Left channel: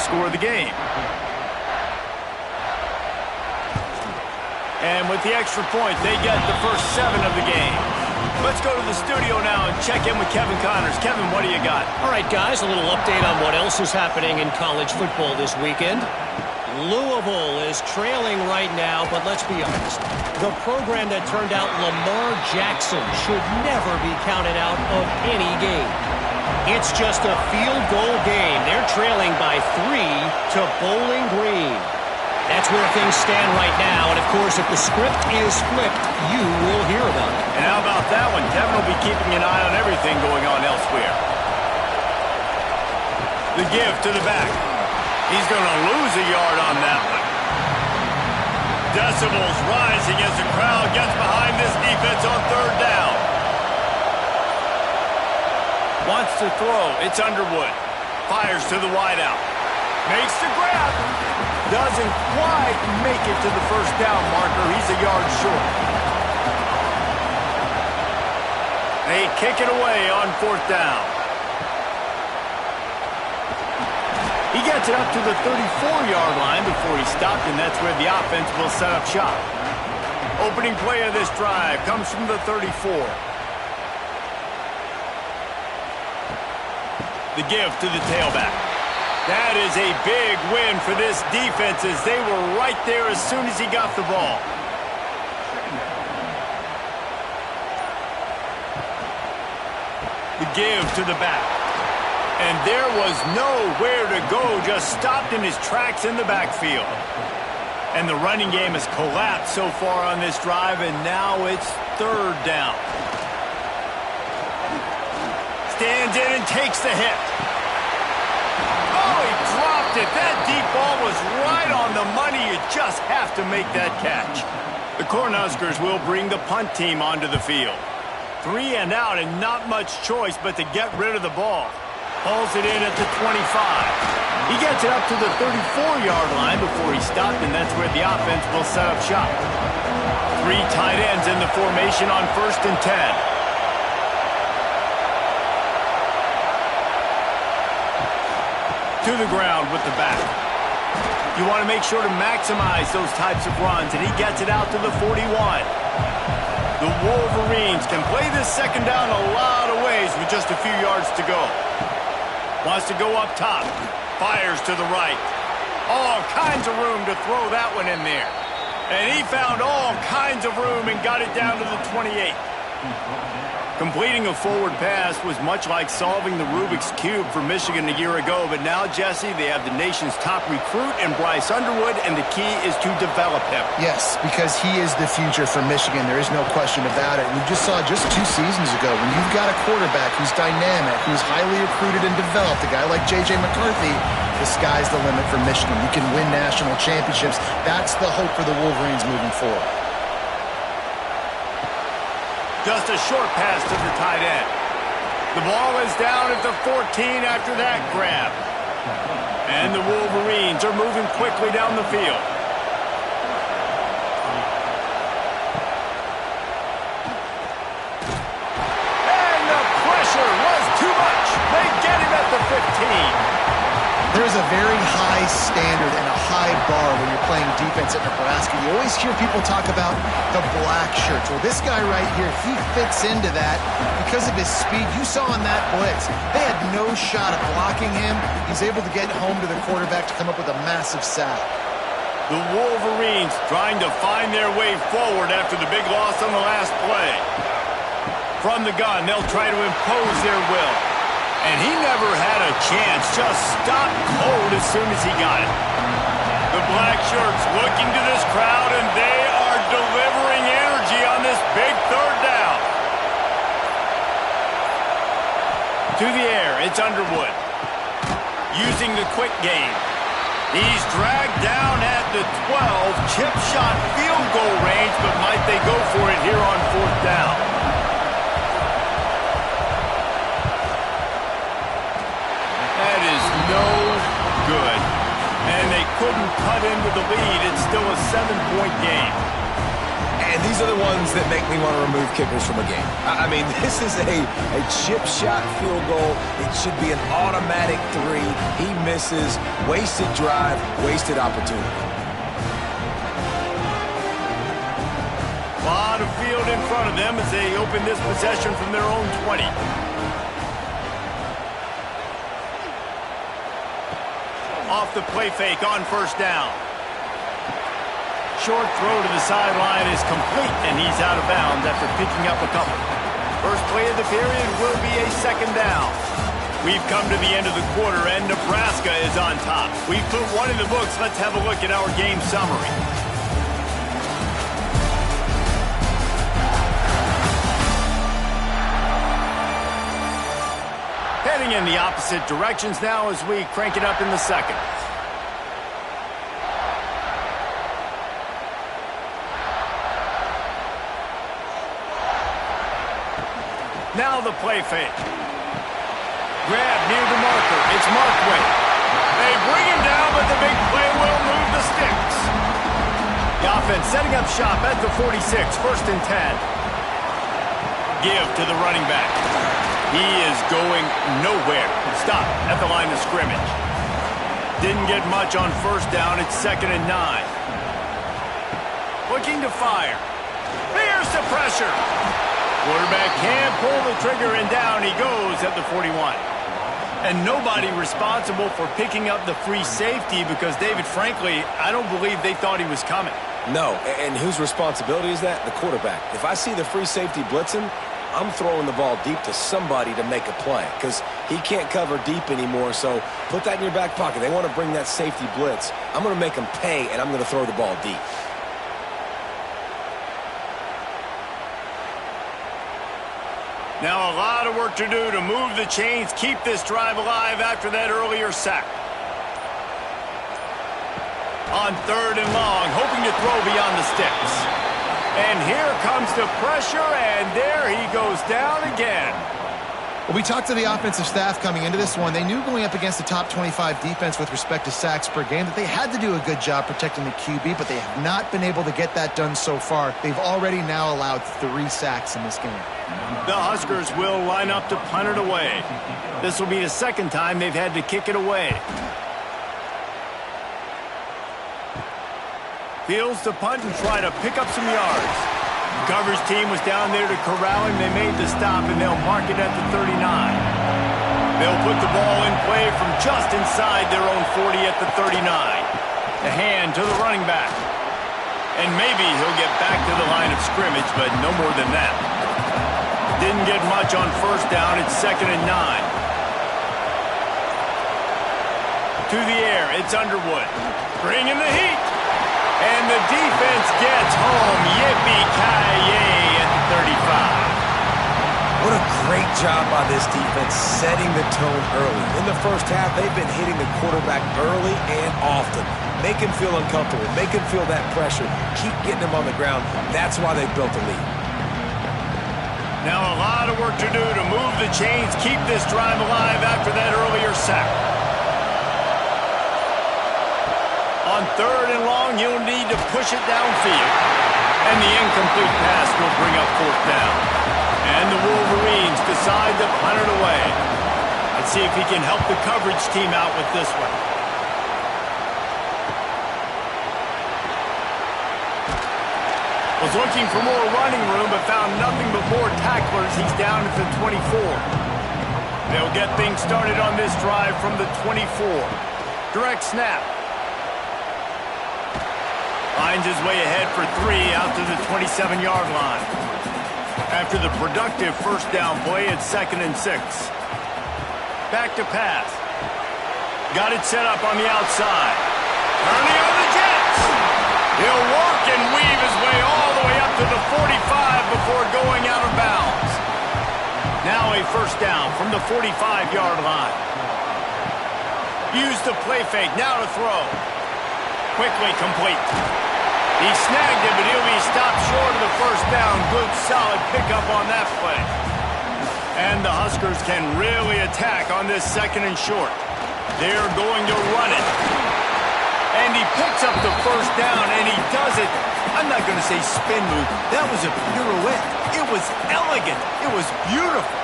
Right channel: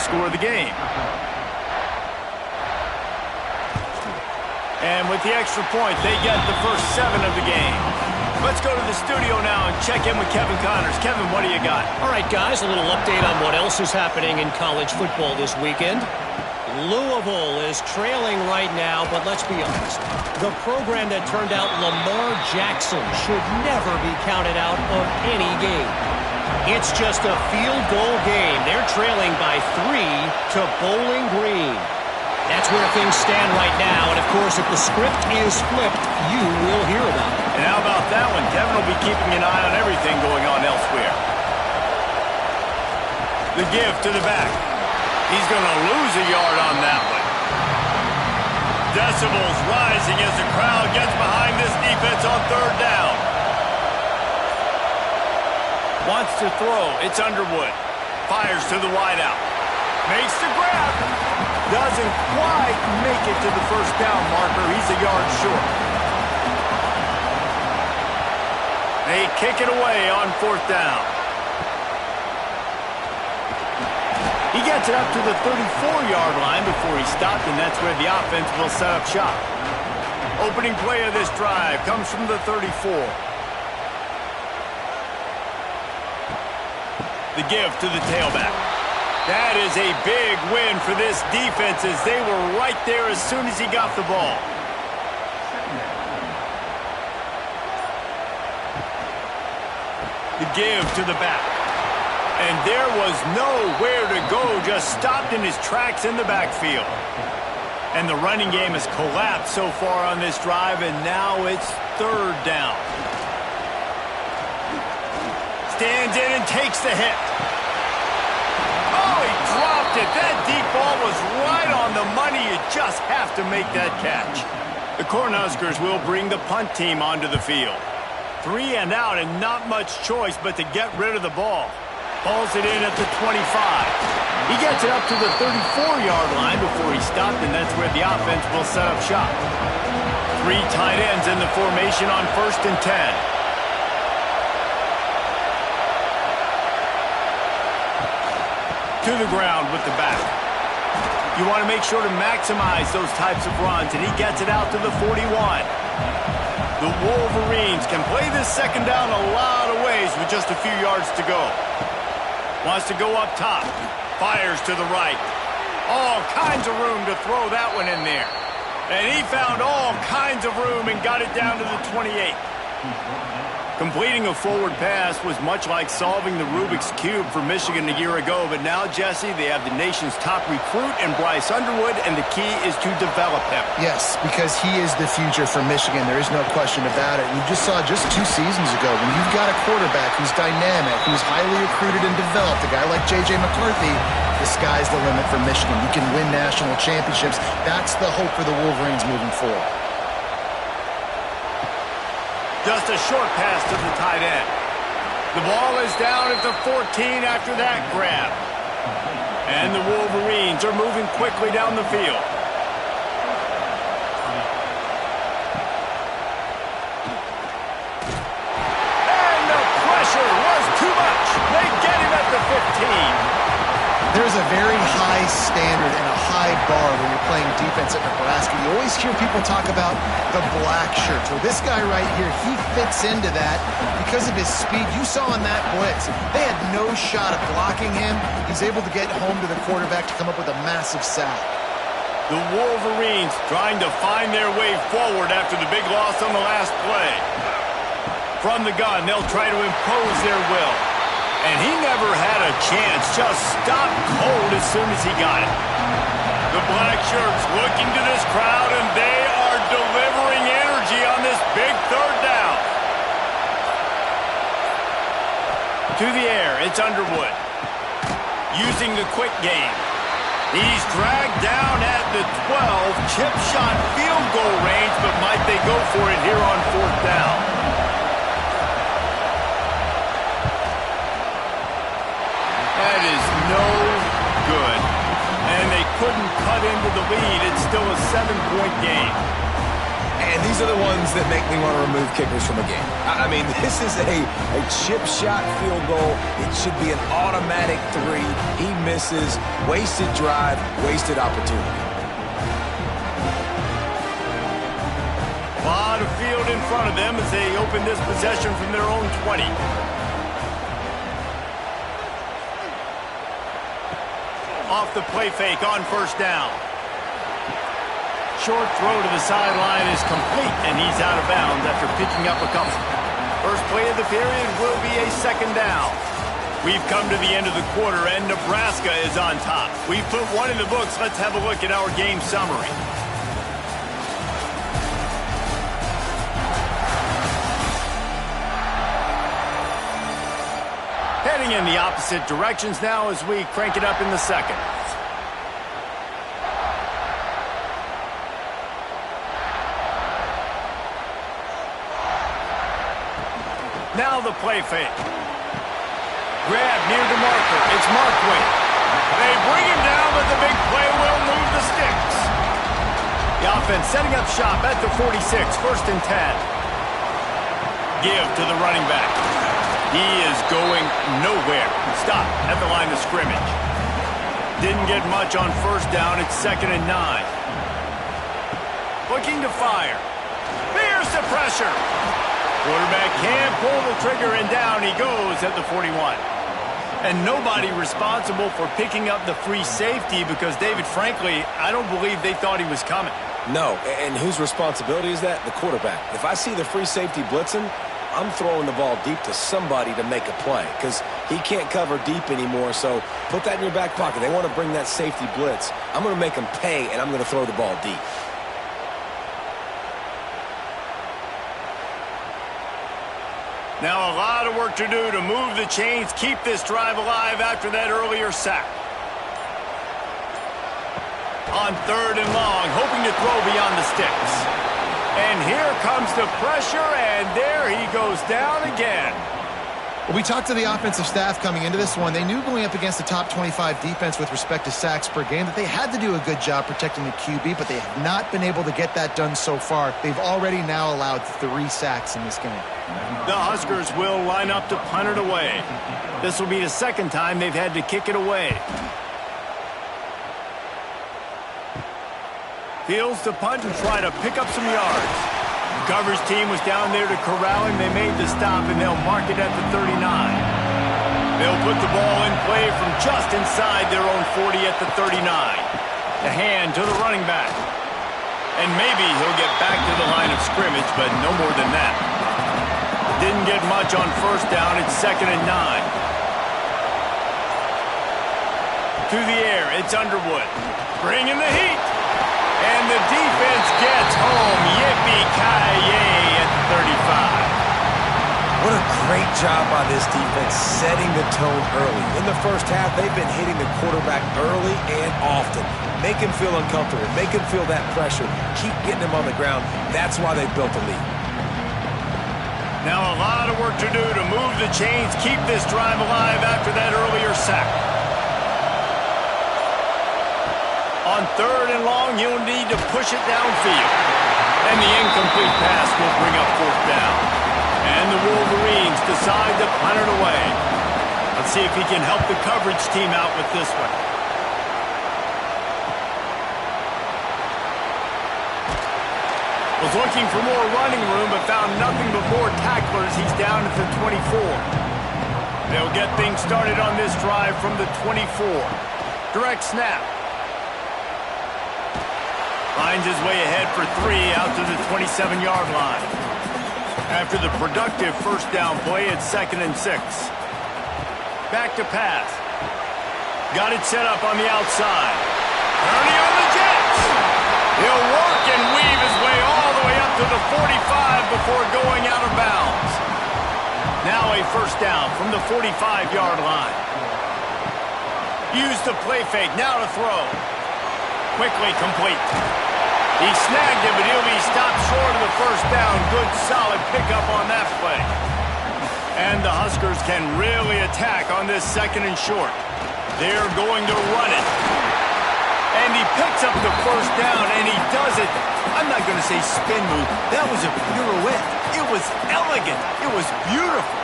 first score of the game. And with the extra point, they get the first 7 of the game. Let's go to the studio now and check in with Kevin Connors. Kevin, what do you got? All right, guys, a little update on what else is happening in college football this weekend. Louisville is trailing right now, but let's be honest. The program that turned out Lamar Jackson should never be counted out of any game. It's just a field goal game. They're trailing by 3 to Bowling Green. That's where things stand right now, and of course, if the script is flipped, you will hear about it. And how about that one? Kevin will be keeping an eye on everything going on elsewhere. The give to the back. He's going to lose a yard on that one. Decibels rising as the crowd gets behind this defense on 3rd down. Wants to throw. It's Underwood. Fires to the wideout. Makes the grab. Doesn't quite make it to the first down marker. He's a yard short. They kick it away on 4th down. He gets it up to the 34-yard line before he stopped, and that's where the offense will set up shop. Opening play of this drive comes from the 34. The give to the tailback. That is a big win for this defense as they were right there as soon as he got the ball. The give to the back. And there was nowhere to go, just stopped in his tracks in the backfield. And the running game has collapsed so far on this drive, and now it's 3rd down. Stands in and takes the hit. Oh, he dropped it. That deep ball was right on the money. You just have to make that catch. The Cornhuskers will bring the punt team onto the field. 3 and out and not much choice but to get rid of the ball. Hauls it in at the 25. He gets it up to the 34-yard line before he stopped, and that's where the offense will set up shop. 3 tight ends in the formation on 1st and 10. To the ground with the back. You want to make sure to maximize those types of runs, and he gets it out to the 41. The Wolverines can play this 2nd down a lot of ways with just a few yards to go. Wants to go up top. Fires to the right. All kinds of room to throw that one in there. And he found all kinds of room and got it down to the 28. Completing a forward pass was much like solving the Rubik's Cube for Michigan a year ago, but now, Jesse, they have the nation's top recruit in Bryce Underwood, and the key is to develop him. Yes, because he is the future for Michigan. There is no question about it. We just saw just 2 seasons ago when you've got a quarterback who's dynamic, who's highly recruited and developed, a guy like J.J. McCarthy, the sky's the limit for Michigan. You can win national championships. That's the hope for the Wolverines moving forward. Just a short pass to the tight end. The ball is down at the 14 after that grab. And the Wolverines are moving quickly down the field. And the pressure was too much. They get him at the 15. There's a very high standard and a high bar when you're playing defense at Nebraska. You always hear people talk about the black shirts. Well, this guy right here, he fits into that because of his speed. You saw in that blitz, they had no shot at blocking him. He's able to get home to the quarterback to come up with a massive sack. The Wolverines trying to find their way forward after the big loss on the last play. From the gun, they'll try to impose their will. And he never had a chance, just stopped cold as soon as he got it. The black shirts looking to this crowd, and they are delivering energy on this big 3rd down. To the air, it's Underwood. Using the quick game. He's dragged down at the 12, chip shot field goal range, but might they go for it here on 4th down? That is no good. And they couldn't cut into the lead. It's still a 7-point game. And these are the ones that make me want to remove kickers from a game. I mean, this is a chip shot field goal. It should be an automatic 3. He misses. Wasted drive, wasted opportunity. A lot of field in front of them as they open this possession from their own 20. Off the play fake on first down. Short throw to the sideline is complete, and he's out of bounds after picking up a couple. First play of the period will be a second down. We've come to the end of the quarter, and Nebraska is on top. We've put one in the books. Let's have a look at our game summary. Heading in the opposite directions now as we crank it up in the second. Now the play fake. Grab near the marker. It's Markway. They bring him down, but the big play will move the sticks. The offense setting up shop at the 46, 1st and 10. Give to the running back. He is going nowhere. Stop at the line of scrimmage. Didn't get much on first down. It's 2nd and 9. Looking to fire. Here's the pressure. Quarterback can't pull the trigger, and down he goes at the 41. And nobody responsible for picking up the free safety because, David, frankly, I don't believe they thought he was coming. No, and whose responsibility is that? The quarterback. If I see the free safety blitzing, I'm throwing the ball deep to somebody to make a play because he can't cover deep anymore, so put that in your back pocket. They want to bring that safety blitz. I'm going to make them pay, and I'm going to throw the ball deep. Now a lot of work to do to move the chains, keep this drive alive after that earlier sack. On 3rd and long, hoping to throw beyond the sticks. And here comes the pressure, and there he goes down again. Well, we talked to the offensive staff coming into this one. They knew going up against the top 25 defense with respect to sacks per game that they had to do a good job protecting the QB, but they have not been able to get that done so far. They've already now allowed 3 sacks in this game. The Huskers will line up to punt it away. This will be the second time they've had to kick it away. Fields to punt and try to pick up some yards. The coverage team was down there to corral him. They made the stop, and they'll mark it at the 39. They'll put the ball in play from just inside their own 40 at the 39. The hand to the running back. And maybe he'll get back to the line of scrimmage, but no more than that. Didn't get much on first down. It's 2nd and 9. To the air, it's Underwood. Bringing the heat. And the defense gets home. Yippee-ki-yay at the 35. What a great job by this defense setting the tone early. In the first half, they've been hitting the quarterback early and often. Make him feel uncomfortable. Make him feel that pressure. Keep getting him on the ground. That's why they've built the lead. Now a lot of work to do to move the chains, keep this drive alive after that earlier sack. On 3rd and long, he'll need to push it downfield. And the incomplete pass will bring up 4th down. And the Wolverines decide to punt it away. Let's see if he can help the coverage team out with this one. Was looking for more running room, but found nothing but more tacklers. He's down at the 24. They'll get things started on this drive from the 24. Direct snap. Finds his way ahead for 3 out to the 27-yard line. After the productive first down play, it's 2nd and 6. Back to pass. Got it set up on the outside. Ernie on the Jets. He'll work and weave his way all the way up to the 45 before going out of bounds. Now a first down from the 45-yard line. Use the play fake, now to throw. Quickly complete. He snagged it, but he'll be stopped short of the first down. Good, solid pickup on that play. And the Huskers can really attack on this 2nd and short. They're going to run it. And he picks up the first down, and he does it. I'm not going to say spin move. That was a pirouette. It was elegant. It was beautiful.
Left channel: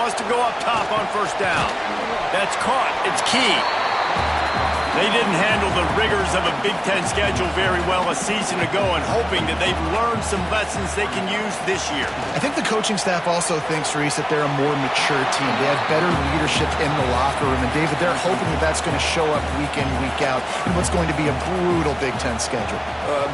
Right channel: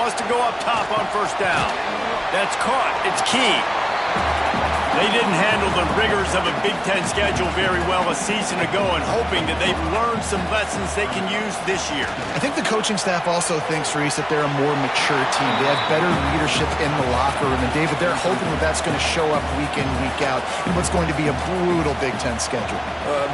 Wants to go up top on first down. That's caught. It's key. They didn't handle the rigors of a Big Ten schedule very well a season ago, and hoping that they've learned some lessons they can use this year. I think the coaching staff also thinks, Reese, that they're a more mature team. They have better leadership in the locker room. And, David, they're hoping that that's going to show up week in, week out in what's going to be a brutal Big Ten schedule.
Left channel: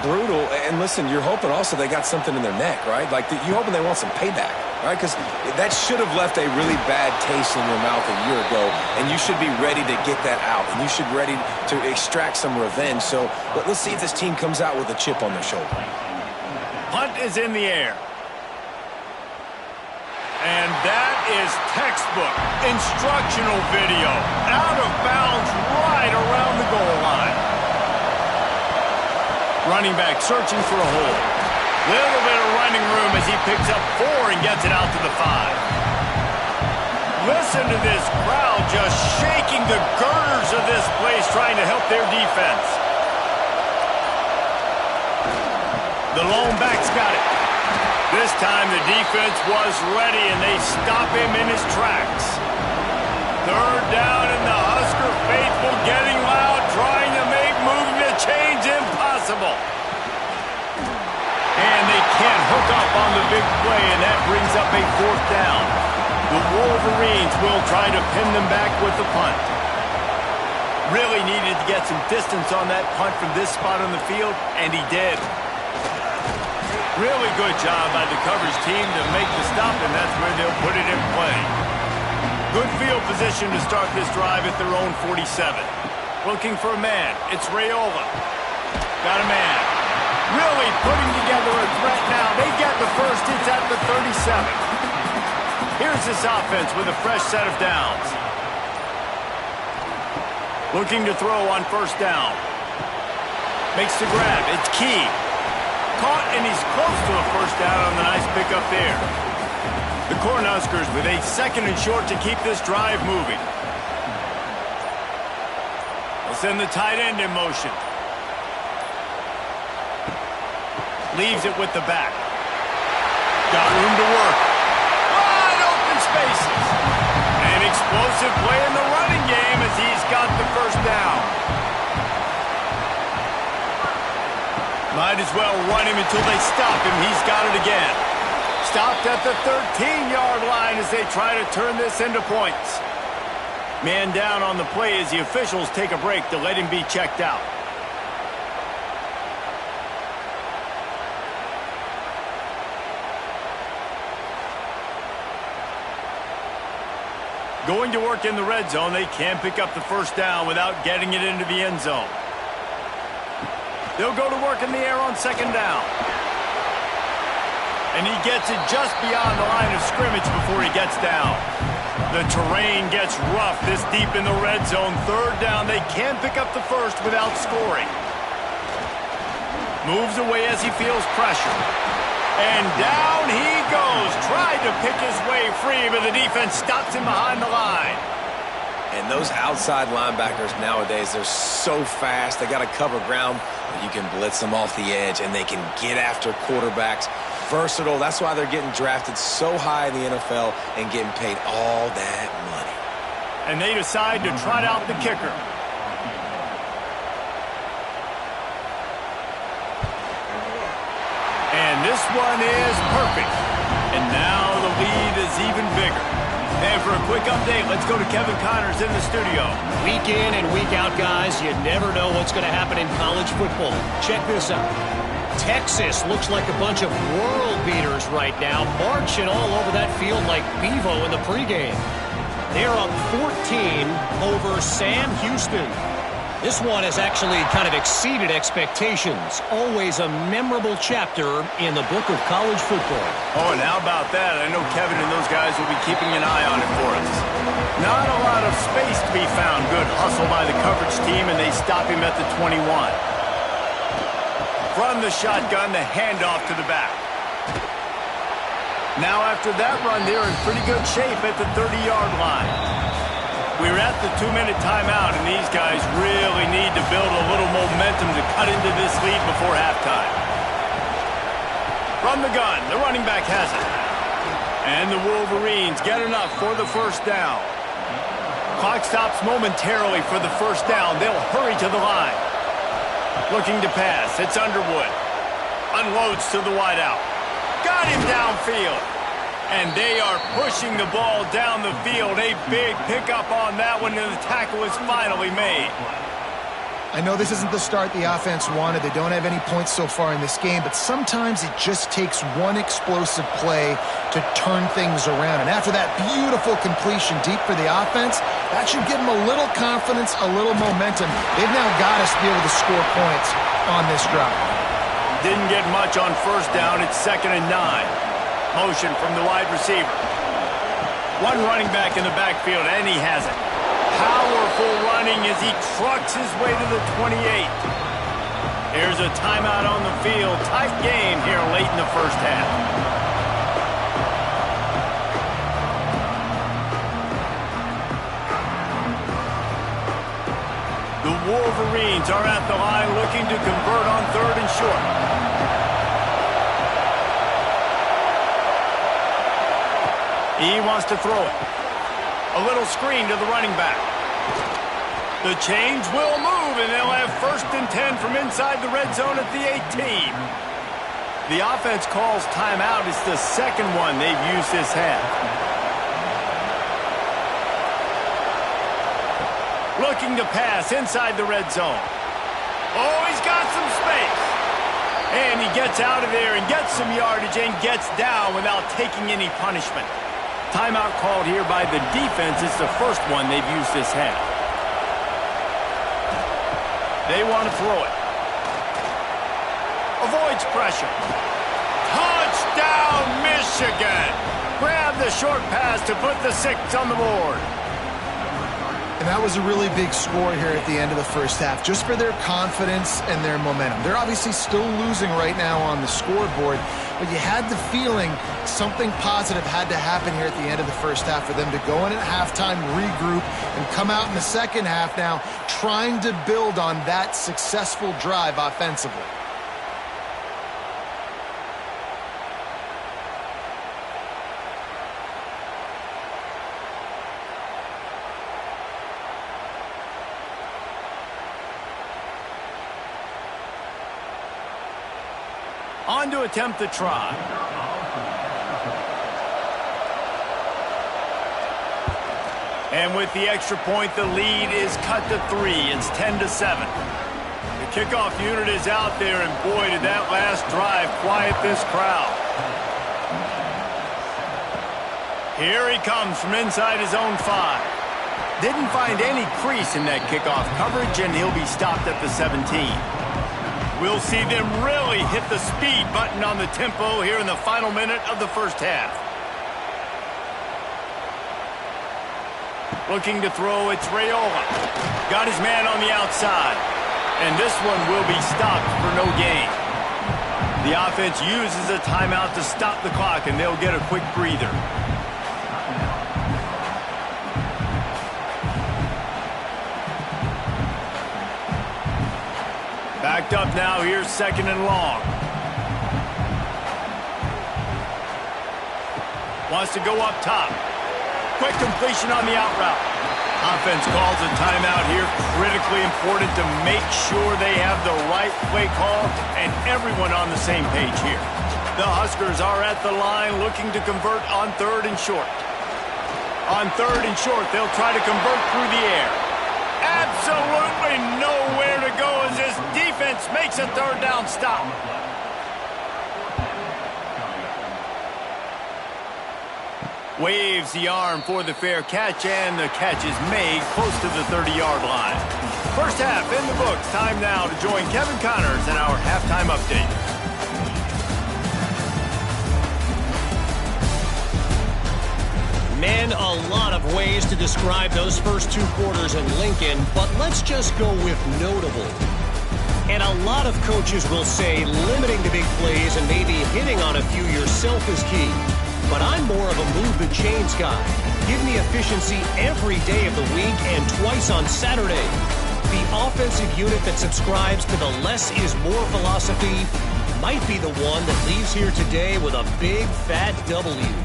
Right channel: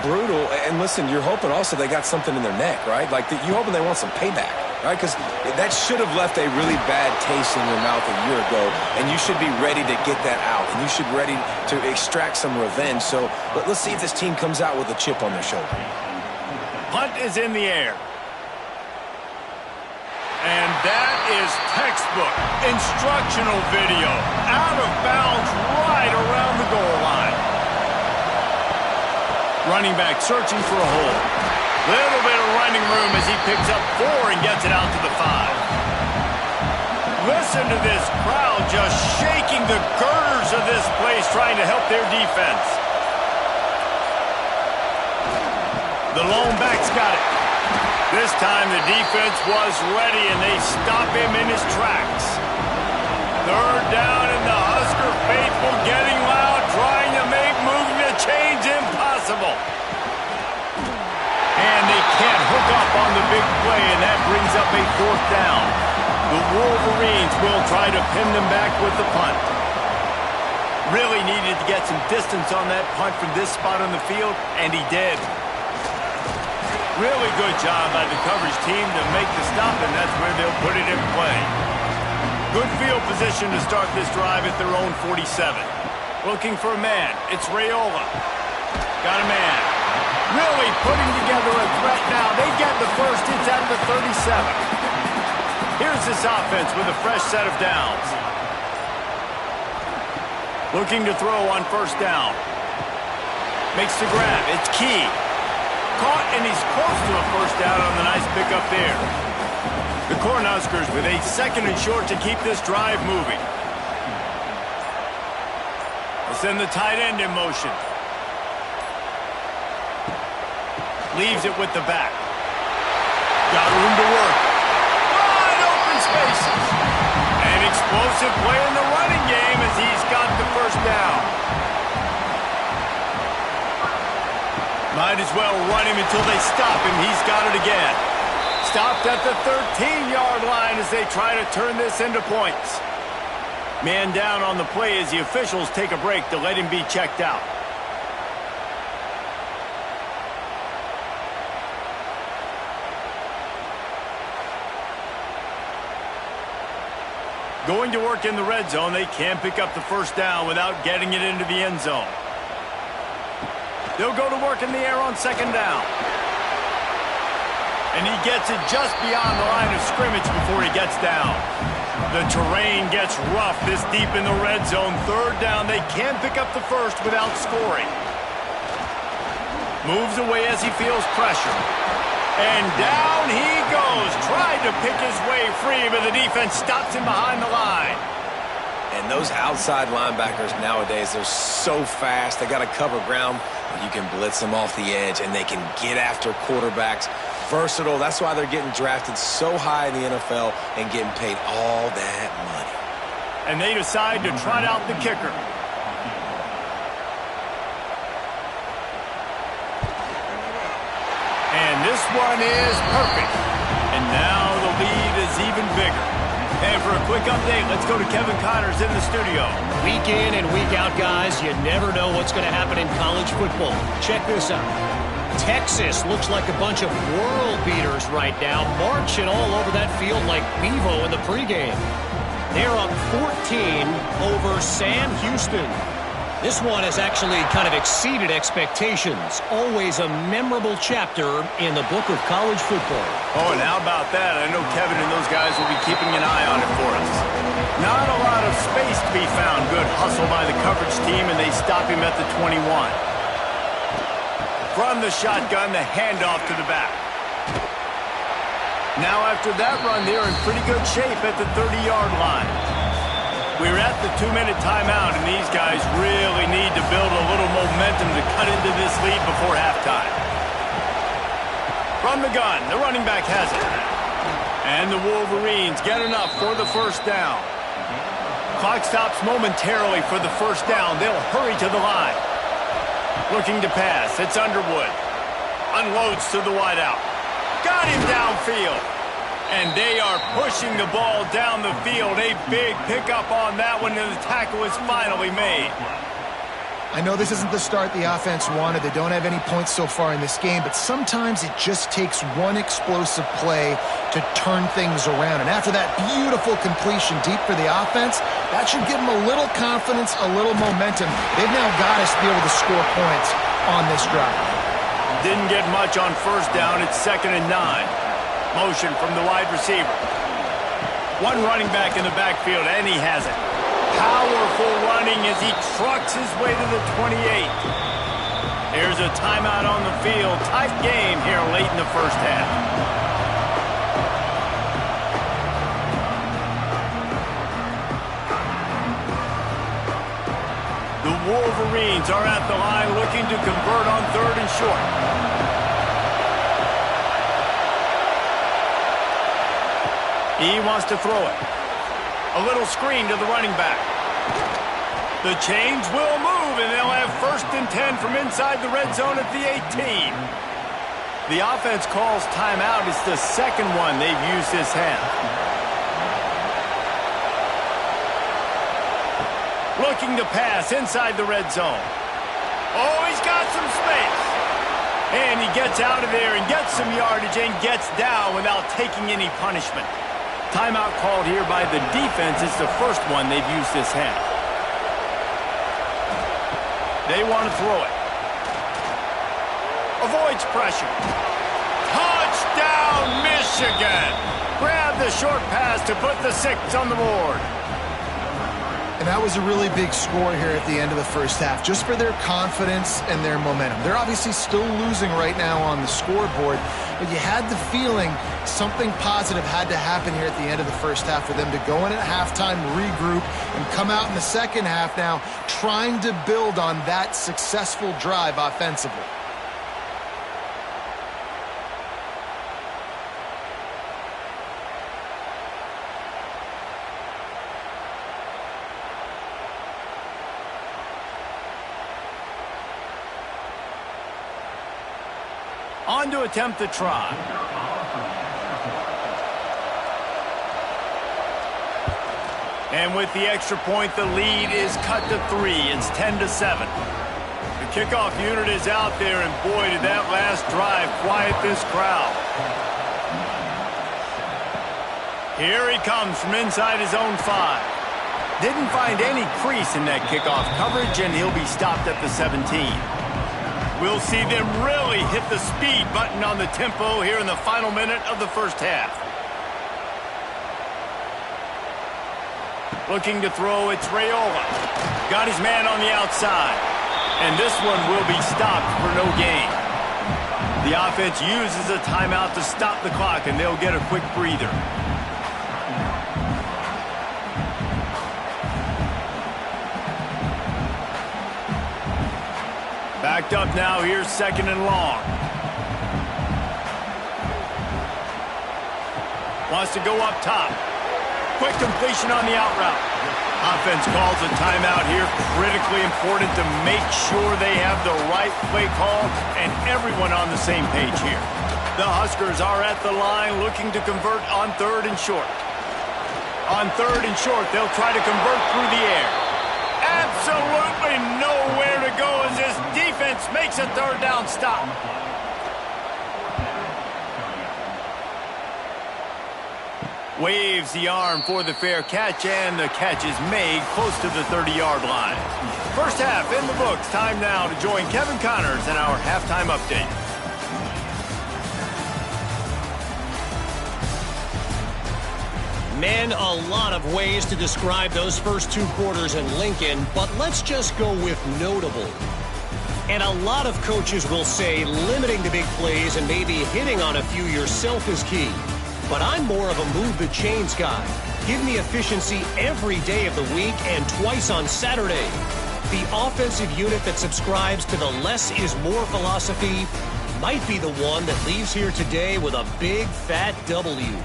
Brutal. And, listen, you're hoping also they got something in their neck, right? Like, you're hoping they want some payback. Right, because that should have left a really bad taste in your mouth a year ago, and you should be ready to get that out, and you should be ready to extract some revenge. So let's see if this team comes out with a chip on their shoulder. Punt is in the air. And that is textbook instructional video. Out of bounds right around the goal line. Running back searching for a hole. Little bit of running room as he picks up 4 and gets it out to the 5. Listen to this crowd just shaking the girders of this place trying to help their defense. The lone back's got it. This time the defense was ready and they stop him in his tracks. Third down and the Husker faithful getting loud, trying to make moving the chains impossible. And they can't hook up on the big play, and that brings up a 4th down. The Wolverines will try to pin them back with the punt. Really needed to get some distance on that punt from this spot on the field, and he did. Really good job by the coverage team to make the stop, and that's where they'll put it in play. Good field position to start this drive at their own 47. Looking for a man. It's Raiola. Got a man. Really putting together a threat now. They get the first. It's at the 37. Here's this offense with a fresh set of downs. Looking to throw on first down. Makes the grab. It's Key. Caught, and he's close to a first down on the nice pickup there. The Cornhuskers with a 2nd and short to keep this drive moving. They'll send the tight end in motion. Leaves it with the back. Got room to work. Wide open spaces. An explosive play in the running game as he's got the first down. Might as well run him until they stop him. He's got it again. Stopped at the 13-yard line as they try to turn this into points. Man down on the play as the officials take a break to let him be checked out. Going to work in the red zone. They can pick up the first down without getting it into the end zone. They'll go to work in the air on 2nd down. And he gets it just beyond the line of scrimmage before he gets down. The terrain gets rough this deep in the red zone. 3rd down. They can pick up the first without scoring. Moves away as he feels pressure. And down he goes. Tried to pick his way free, but the defense stops him behind the line. And those outside linebackers nowadays, they're so fast. They got to cover ground. You can blitz them off the edge, and they can get after quarterbacks. Versatile. That's why they're getting drafted so high in the NFL and getting paid all that money. And they decide to trot out the kicker. And this one is perfect. And now the lead is even bigger. And for a quick update, let's go to Kevin Connors in the studio. Week in and week out, guys, you never know what's going to happen in college football. Check this out. Texas looks like a bunch of world beaters right now, marching all over that field like Bevo in the pregame. They're up 14 over Sam Houston. This one has actually kind of exceeded expectations. Always a memorable chapter in the book of college football. Oh, and how about that? I know Kevin and those guys will be keeping an eye on it for us. Not a lot of space to be found. Good hustle by the coverage team, and they stop him at the 21. From the shotgun, the handoff to the back. Now after that run, they're in pretty good shape at the 30-yard line. We're at the 2-minute timeout, and these guys really need to build a little momentum to cut into this lead before halftime. From the gun, the running back has it. And the Wolverines get enough for the first down. Clock stops momentarily for the first down. They'll hurry to the line. Looking to pass. It's Underwood. Unloads to the wideout. Got him downfield. And they are pushing the ball down the field. A big pickup on that one, and the tackle is finally made. I know this isn't the start the offense wanted. They don't have any points so far in this game, but sometimes it just takes one explosive play to turn things around. And after that beautiful completion deep for the offense, that should give them a little confidence, a little momentum. They've now got us to be able to score points on this drive. Didn't get much on first down. It's 2nd and 9. Motion from the wide receiver. One running back in the backfield, and he has it. Powerful running as he trucks his way to the 28. Here's a timeout on the field. Tight game here late in the first half. The Wolverines are at the line looking to convert on 3rd and short. He wants to throw it. A little screen to the running back. The chains will move, and they'll have 1st and 10 from inside the red zone at the 18. The offense calls timeout. It's the second one they've used this half. Looking to pass inside the red zone. Oh, he's got some space. And he gets out of there and gets some yardage and gets down without taking any punishment. Timeout called here by the defense. It's the first one they've used this half. They want to throw it. Avoids pressure. Touchdown, Michigan! Grab the short pass to put the 6 on the board. And that was a really big score here at the end of the first half, just for their confidence and their momentum. They're obviously still losing right now on the scoreboard, but you had the feeling something positive had to happen here at the end of the first half for them to go in at halftime, regroup, and come out in the second half now trying to build on that successful drive offensively. On to attempt the try. And with the extra point, the lead is cut to 3. It's 10-7. The kickoff unit is out there, and boy, did that last drive quiet this crowd. Here he comes from inside his own 5. Didn't find any crease in that kickoff coverage, and he'll be stopped at the 17. We'll see them really hit the speed button on the tempo here in the final minute of the first half. Looking to throw, it's Raiola. Got his man on the outside. And this one will be stopped for no gain. The offense uses a timeout to stop the clock, and they'll get a quick breather. Backed up now, here's 2nd and long. Wants to go up top. Quick completion on the out route. Offense calls a timeout here. Critically important to make sure they have the right play call and everyone on the same page here. The Huskers are at the line looking to convert on 3rd and short. On 3rd and short, they'll try to convert through the air. Absolutely nowhere to go as this defense makes a 3rd down stop. Waves the arm for the fair catch, and the catch is made close to the 30-yard line. First half in the books. Time now to join Kevin Connors in our halftime update. Man, a lot of ways to describe those first 2 quarters in Lincoln, but let's just go with notable. And a lot of coaches will say limiting the big plays and maybe hitting on a few yourself is key. But I'm more of a move the chains guy. Give me efficiency every day of the week and twice on Saturday. The offensive unit that subscribes to the less is more philosophy might be the one that leaves here today with a big fat W.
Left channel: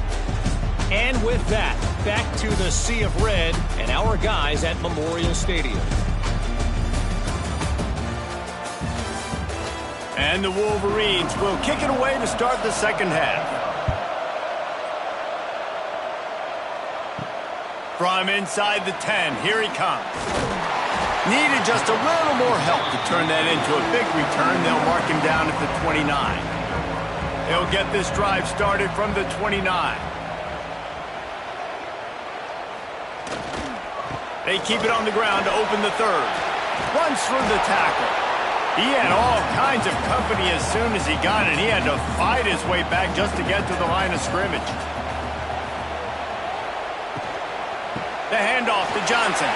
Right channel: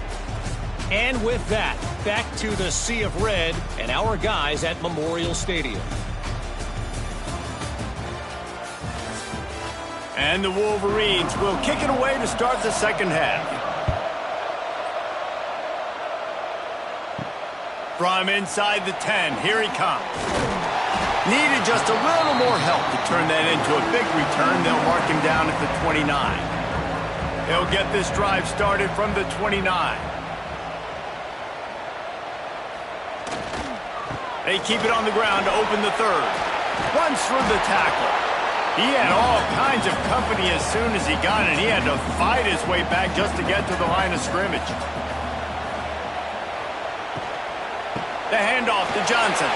And with that, back to the Sea of Red and our guys at Memorial Stadium. And the Wolverines will kick it away to start the second half. From inside the 10, here he comes. Needed just a little more help to turn that into a big return. They'll mark him down at the 29. He'll get this drive started from the 29. They keep it on the ground to open the third. Runs through the tackle. He had all kinds of company as soon as he got it. He had to fight his way back just to get to the line of scrimmage. The handoff to Johnson.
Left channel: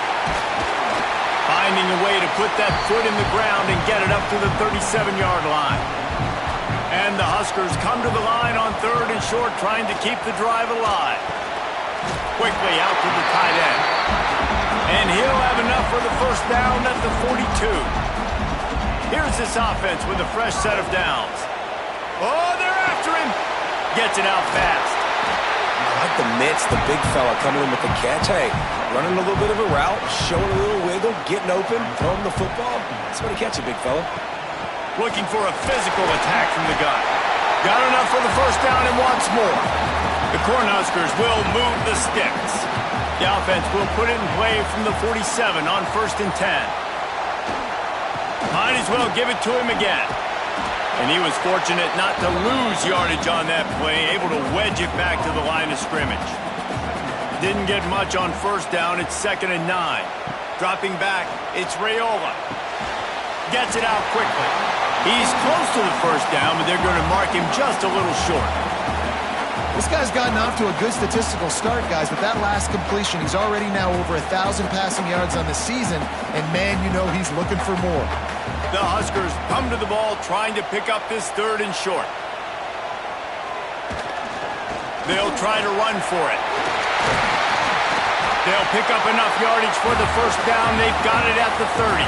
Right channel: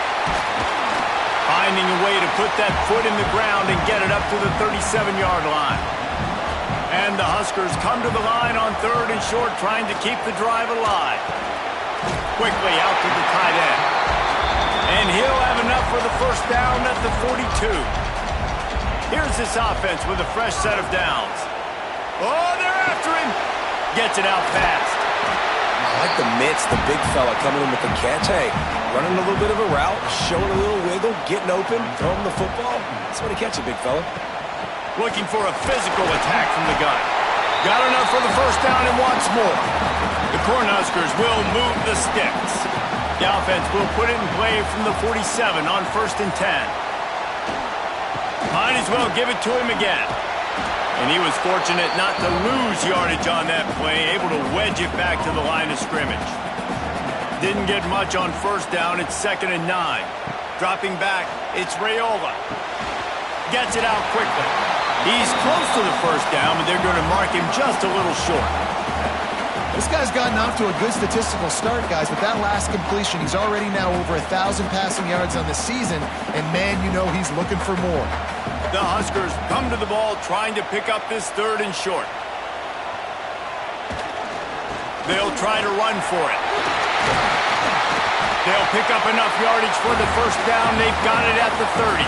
Finding a way to put that foot in the ground and get it up to the 37-yard line. And the Huskers come to the line on third and short, trying to keep the drive alive. Quickly out to the tight end. And he'll have enough for the first down at the 42. Here's this offense with a fresh set of downs. Oh, they're after him. Gets it out fast. I like the mitts, the big fella coming in with the catch. Hey, running a little bit of a route, showing a little wiggle, getting open, throwing the football. That's what he catch it, big fella. Looking for a physical attack from the gun. Got enough for the first down and wants more. The Cornhuskers will move the sticks. The offense will put it in play from the 47 on 1st and 10. Might as well give it to him again. And he was fortunate not to lose yardage on that play, able to wedge it back to the line of scrimmage. Didn't get much on first down. It's 2nd and 9. Dropping back, it's Raiola. Gets it out quickly. He's close to the first down, but they're going to mark him just a little short. This guy's gotten off to a good statistical start, guys, but that last completion, he's already now over 1,000 passing yards on the season, and man, you know he's looking for more. The Huskers come to the ball trying to pick up this 3rd and short. They'll try to run for it. They'll pick up enough yardage for the first down. They've got it at the 30.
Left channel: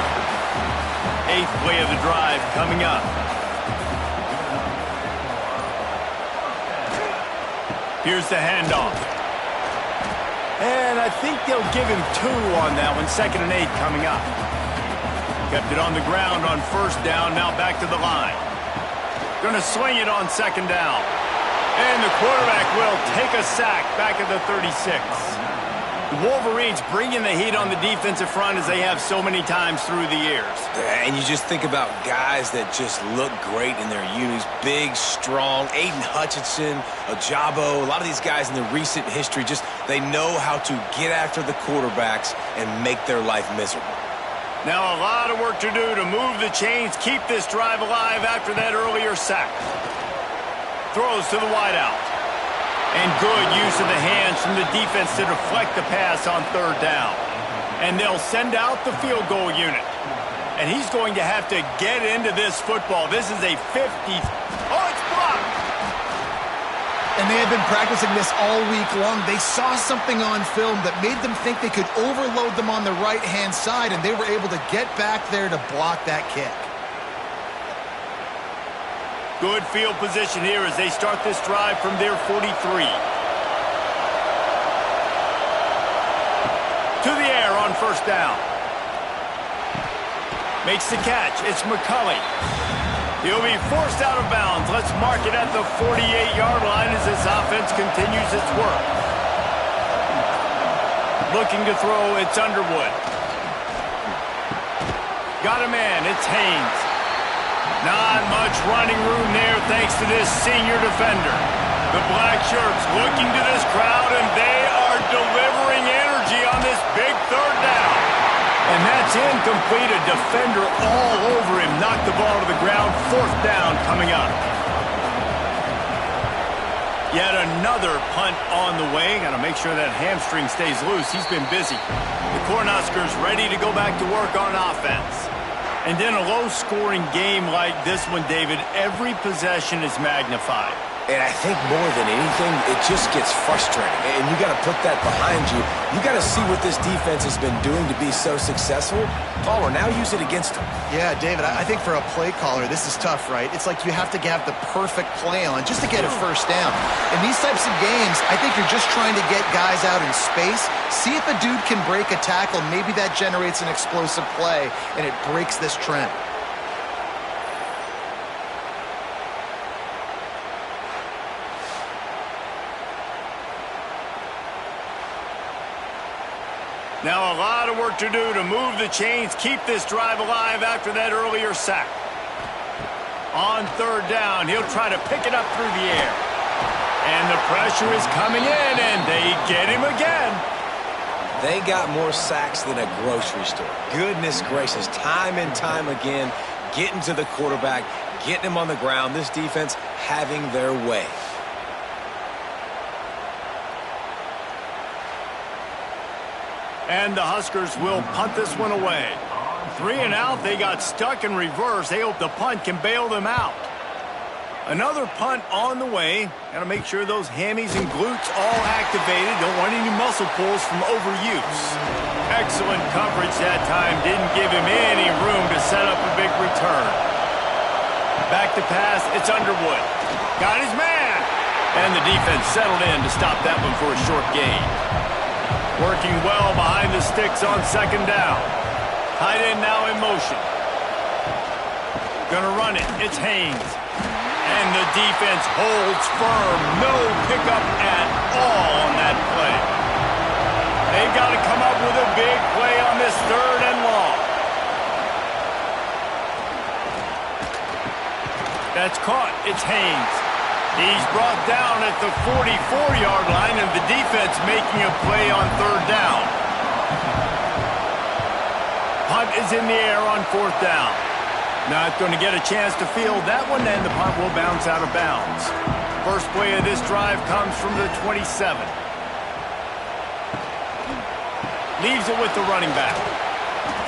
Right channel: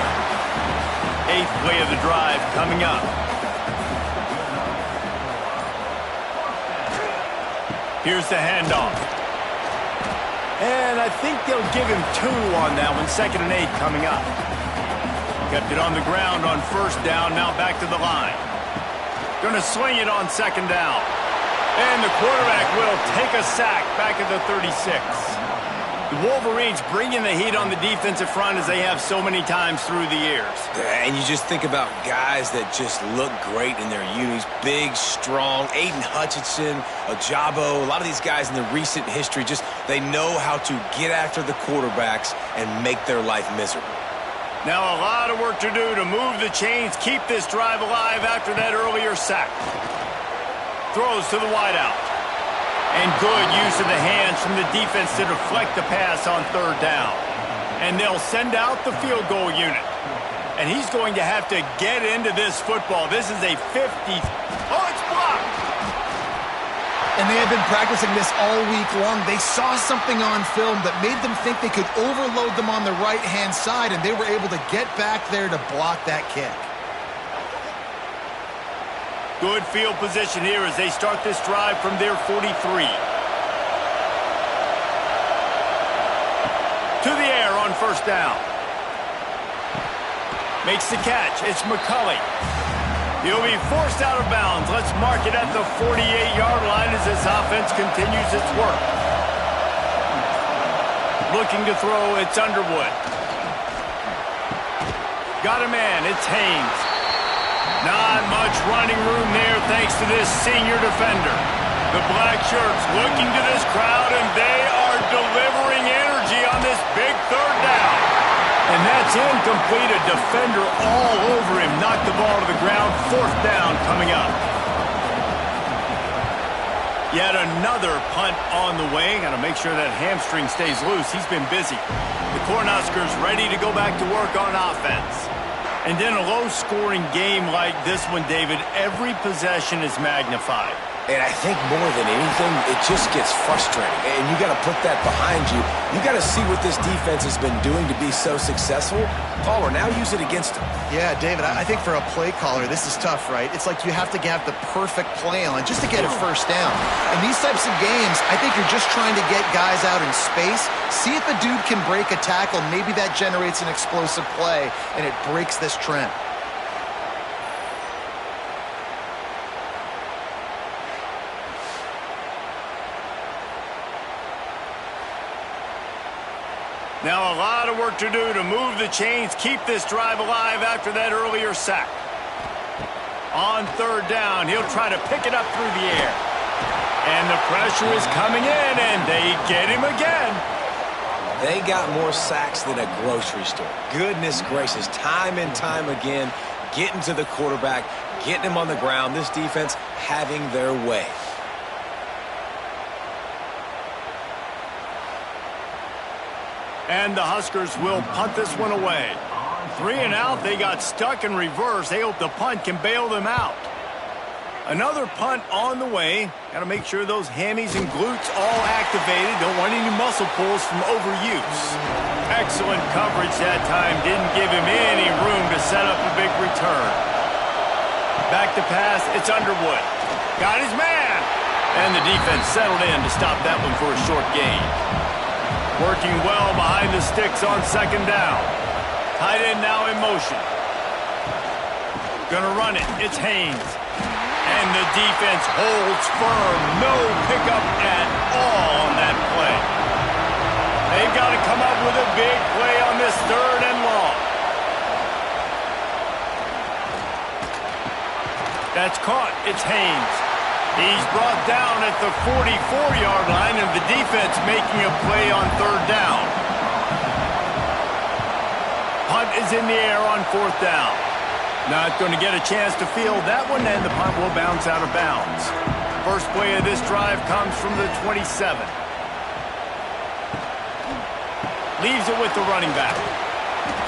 8th play of the drive coming up. Here's the handoff. And I think they'll give him 2 on that one. 2nd and 8 coming up. Kept it on the ground on first down, now back to the line. Going to swing it on 2nd down. And the quarterback will take a sack back at the 36. The Wolverines bringing the heat on the defensive front as they have so many times through the years. And you just think about guys that just look great in their unis. Big, strong, Aiden Hutchinson, Ojabo, a lot of these guys in the recent history, just they know how to get after the quarterbacks and make their life miserable. Now a lot of work to do to move the chains, keep this drive alive after that earlier sack. Throws to the wideout. And good use of the hands from the defense to deflect the pass on 3rd down. And they'll send out the field goal unit. And he's going to have to get into this football. This is a 50. Oh, it's blocked. And they have been practicing this all week long. They saw something on film that made them think they could overload them on the right-hand side, and they were able to get back there to block that kick. Good field position here as they start this drive from their 43. To the air on first down. Makes the catch. It's McCulley. He'll be forced out of bounds. Let's mark it at the 48-yard line as this offense continues its work. Looking to throw, it's Underwood. Got a man, it's Haynes. Not much running room there thanks to this senior defender. The black shirts looking to this crowd, and they are delivering energy on this big 3rd down. And that's incomplete. A defender all over him. Knocked the ball to the ground. 4th down coming up. Yet another punt on the way. Got to make sure that hamstring stays loose. He's been busy. The Cornhuskers ready to go back to work on offense. And in a low-scoring game like this one, David, every possession is magnified. And I think more than anything, it just gets frustrating. And you got to put that behind you. You got to see what this defense has been doing to be so successful. Palmer, now use it against them. Yeah, David, I think for a play caller, this is tough, right? It's like you have to have the perfect play on just to get a first down. In these types of games, I think you're just trying to get guys out in space, see if a dude can break a tackle. Maybe that generates an explosive play, and it breaks this trend. Now a lot of work to do to move the chains, keep this drive alive after that earlier sack. On third down, he'll try to pick it up through the air. And the pressure is coming in, and they get him again. They got more sacks than a grocery store. Goodness gracious, time and time again, getting to the quarterback, getting him on the ground. This defense having their way. And the Huskers will punt this one away. 3 and out, they got stuck in reverse. They hope the punt can bail them out. Another punt on the way. Got to make sure those hammies and glutes all activated. Don't want any muscle pulls from overuse. Excellent coverage that time. Didn't give him any room to set up a big return. Back to pass, it's Underwood. Got his man. And the defense settled in to stop that one for a short gain. Working well behind the sticks on second down. Tight end now in motion. Gonna run it. It's Haynes. And the defense holds firm. No pickup at all on that play. They've got to come up with a big play on this third and long. That's caught. It's Haynes. He's brought down at the 44-yard line, and the defense making a play on third down. Punt is in the air on fourth down. Not going to get a chance to field that one, and the punt will bounce out of bounds. First play of this drive comes from the 27. Leaves it with the running back.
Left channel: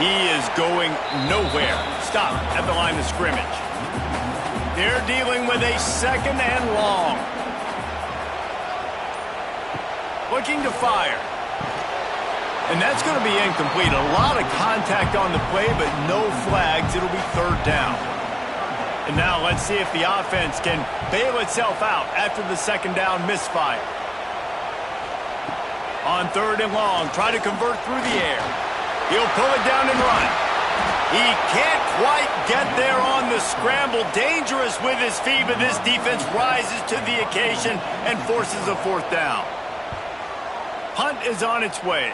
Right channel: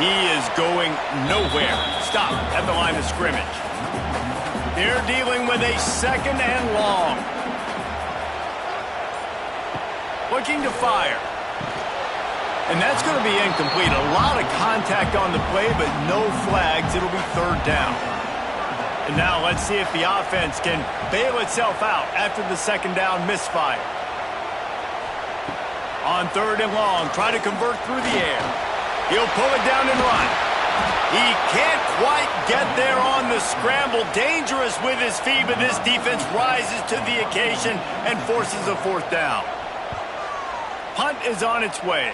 He is going nowhere. Stop at the line of scrimmage. They're dealing with a second and long. Looking to fire. And that's going to be incomplete. A lot of contact on the play, but no flags. It'll be third down. And now let's see if the offense can bail itself out after the second down misfire. On third and long, try to convert through the air. He'll pull it down and run. He can't quite get there on the scramble. Dangerous with his feet, but this defense rises to the occasion and forces a fourth down. Punt is on its way.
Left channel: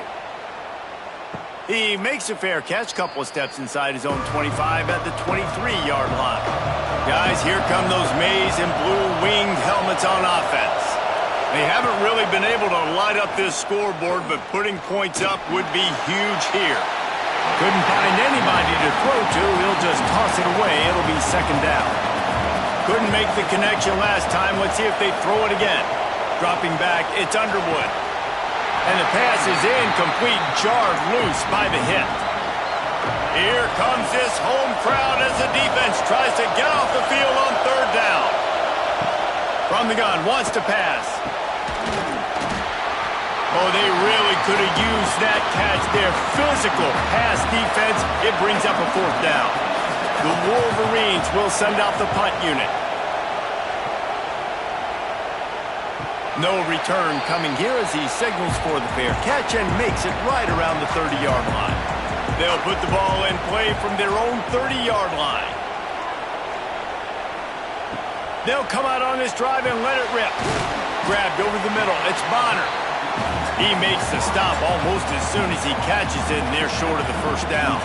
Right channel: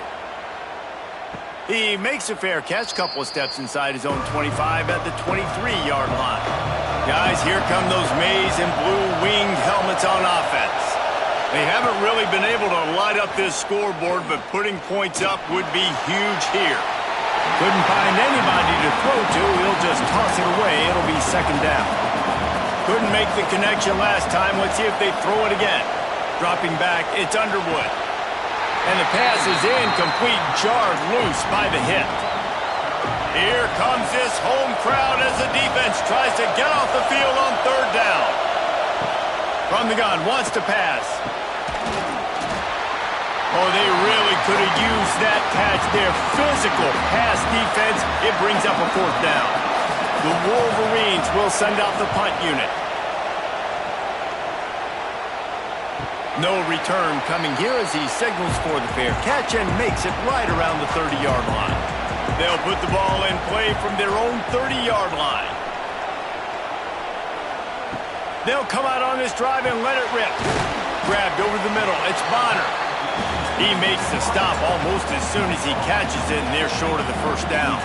He makes a fair catch, couple of steps inside his own 25 at the 23-yard line. Guys, here come those maize and blue winged helmets on offense. They haven't really been able to light up this scoreboard, but putting points up would be huge here. Couldn't find anybody to throw to. He'll just toss it away. It'll be second down. Couldn't make the connection last time. Let's see if they throw it again. Dropping back, it's Underwood. And the pass is incomplete, jarred loose by the hit. Here comes this home crowd as the defense tries to get off the field on third down. From the gun, wants to pass. Oh, they really could have used that catch there. Physical pass defense. It brings up a fourth down. The Wolverines will send out the punt unit. No return coming here as he signals for the fair catch and makes it right around the 30-yard line. They'll put the ball in play from their own 30-yard line. They'll come out on this drive and let it rip. Grabbed over the middle. It's Bonner. He makes the stop almost as soon as he catches it, and they're short of the first down.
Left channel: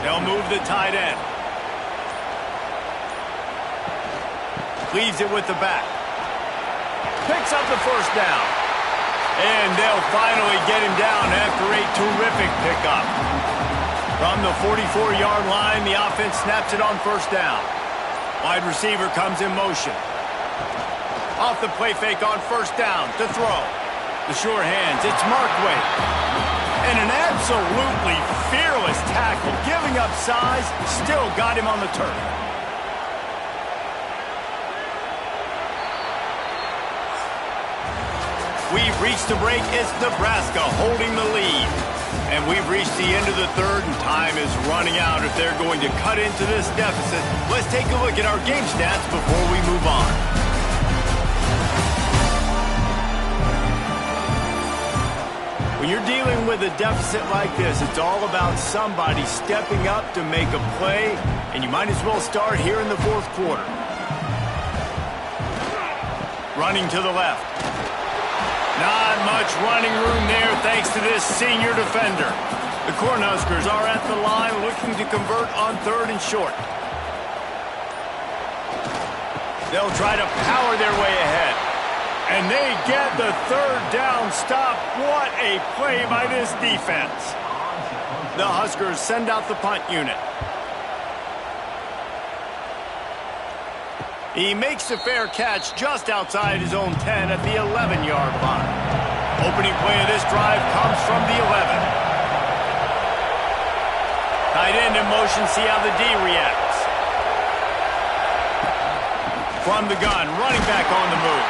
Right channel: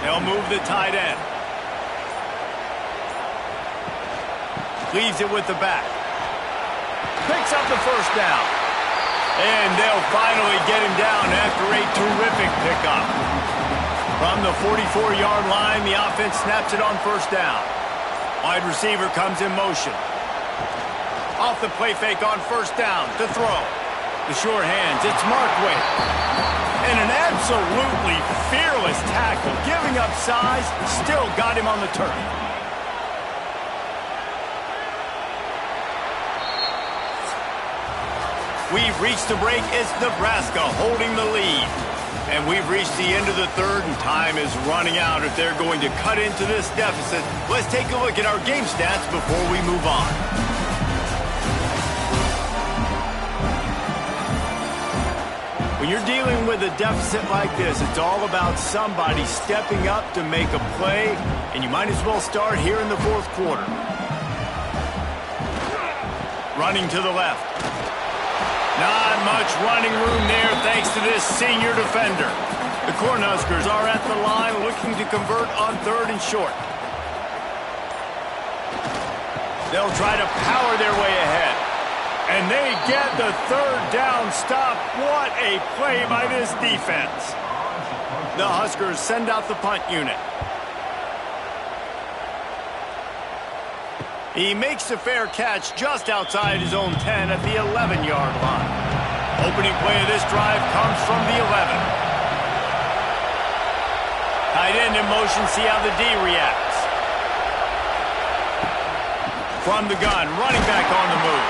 They'll move the tight end. Leaves it with the back. Picks up the first down. And they'll finally get him down after a terrific pickup. From the 44-yard line, the offense snaps it on first down. Wide receiver comes in motion. Off the play fake on first down to throw. The sure hands, it's Markway. And an absolutely fearless tackle, giving up size, still got him on the turf. We've reached the break. It's Nebraska holding the lead. And we've reached the end of the third, and time is running out if they're going to cut into this deficit. Let's take a look at our game stats before we move on. When you're dealing with a deficit like this, it's all about somebody stepping up to make a play, and you might as well start here in the fourth quarter. Running to the left. Not much running room there thanks to this senior defender. The Cornhuskers are at the line looking to convert on third and short. They'll try to power their way ahead. And they get the third down stop. What a play by this defense. The Huskers send out the punt unit. He makes a fair catch just outside his own 10 at the 11-yard line. Opening play of this drive comes from the 11. Tight end in motion, see how the D reacts. From the gun, running back on the move.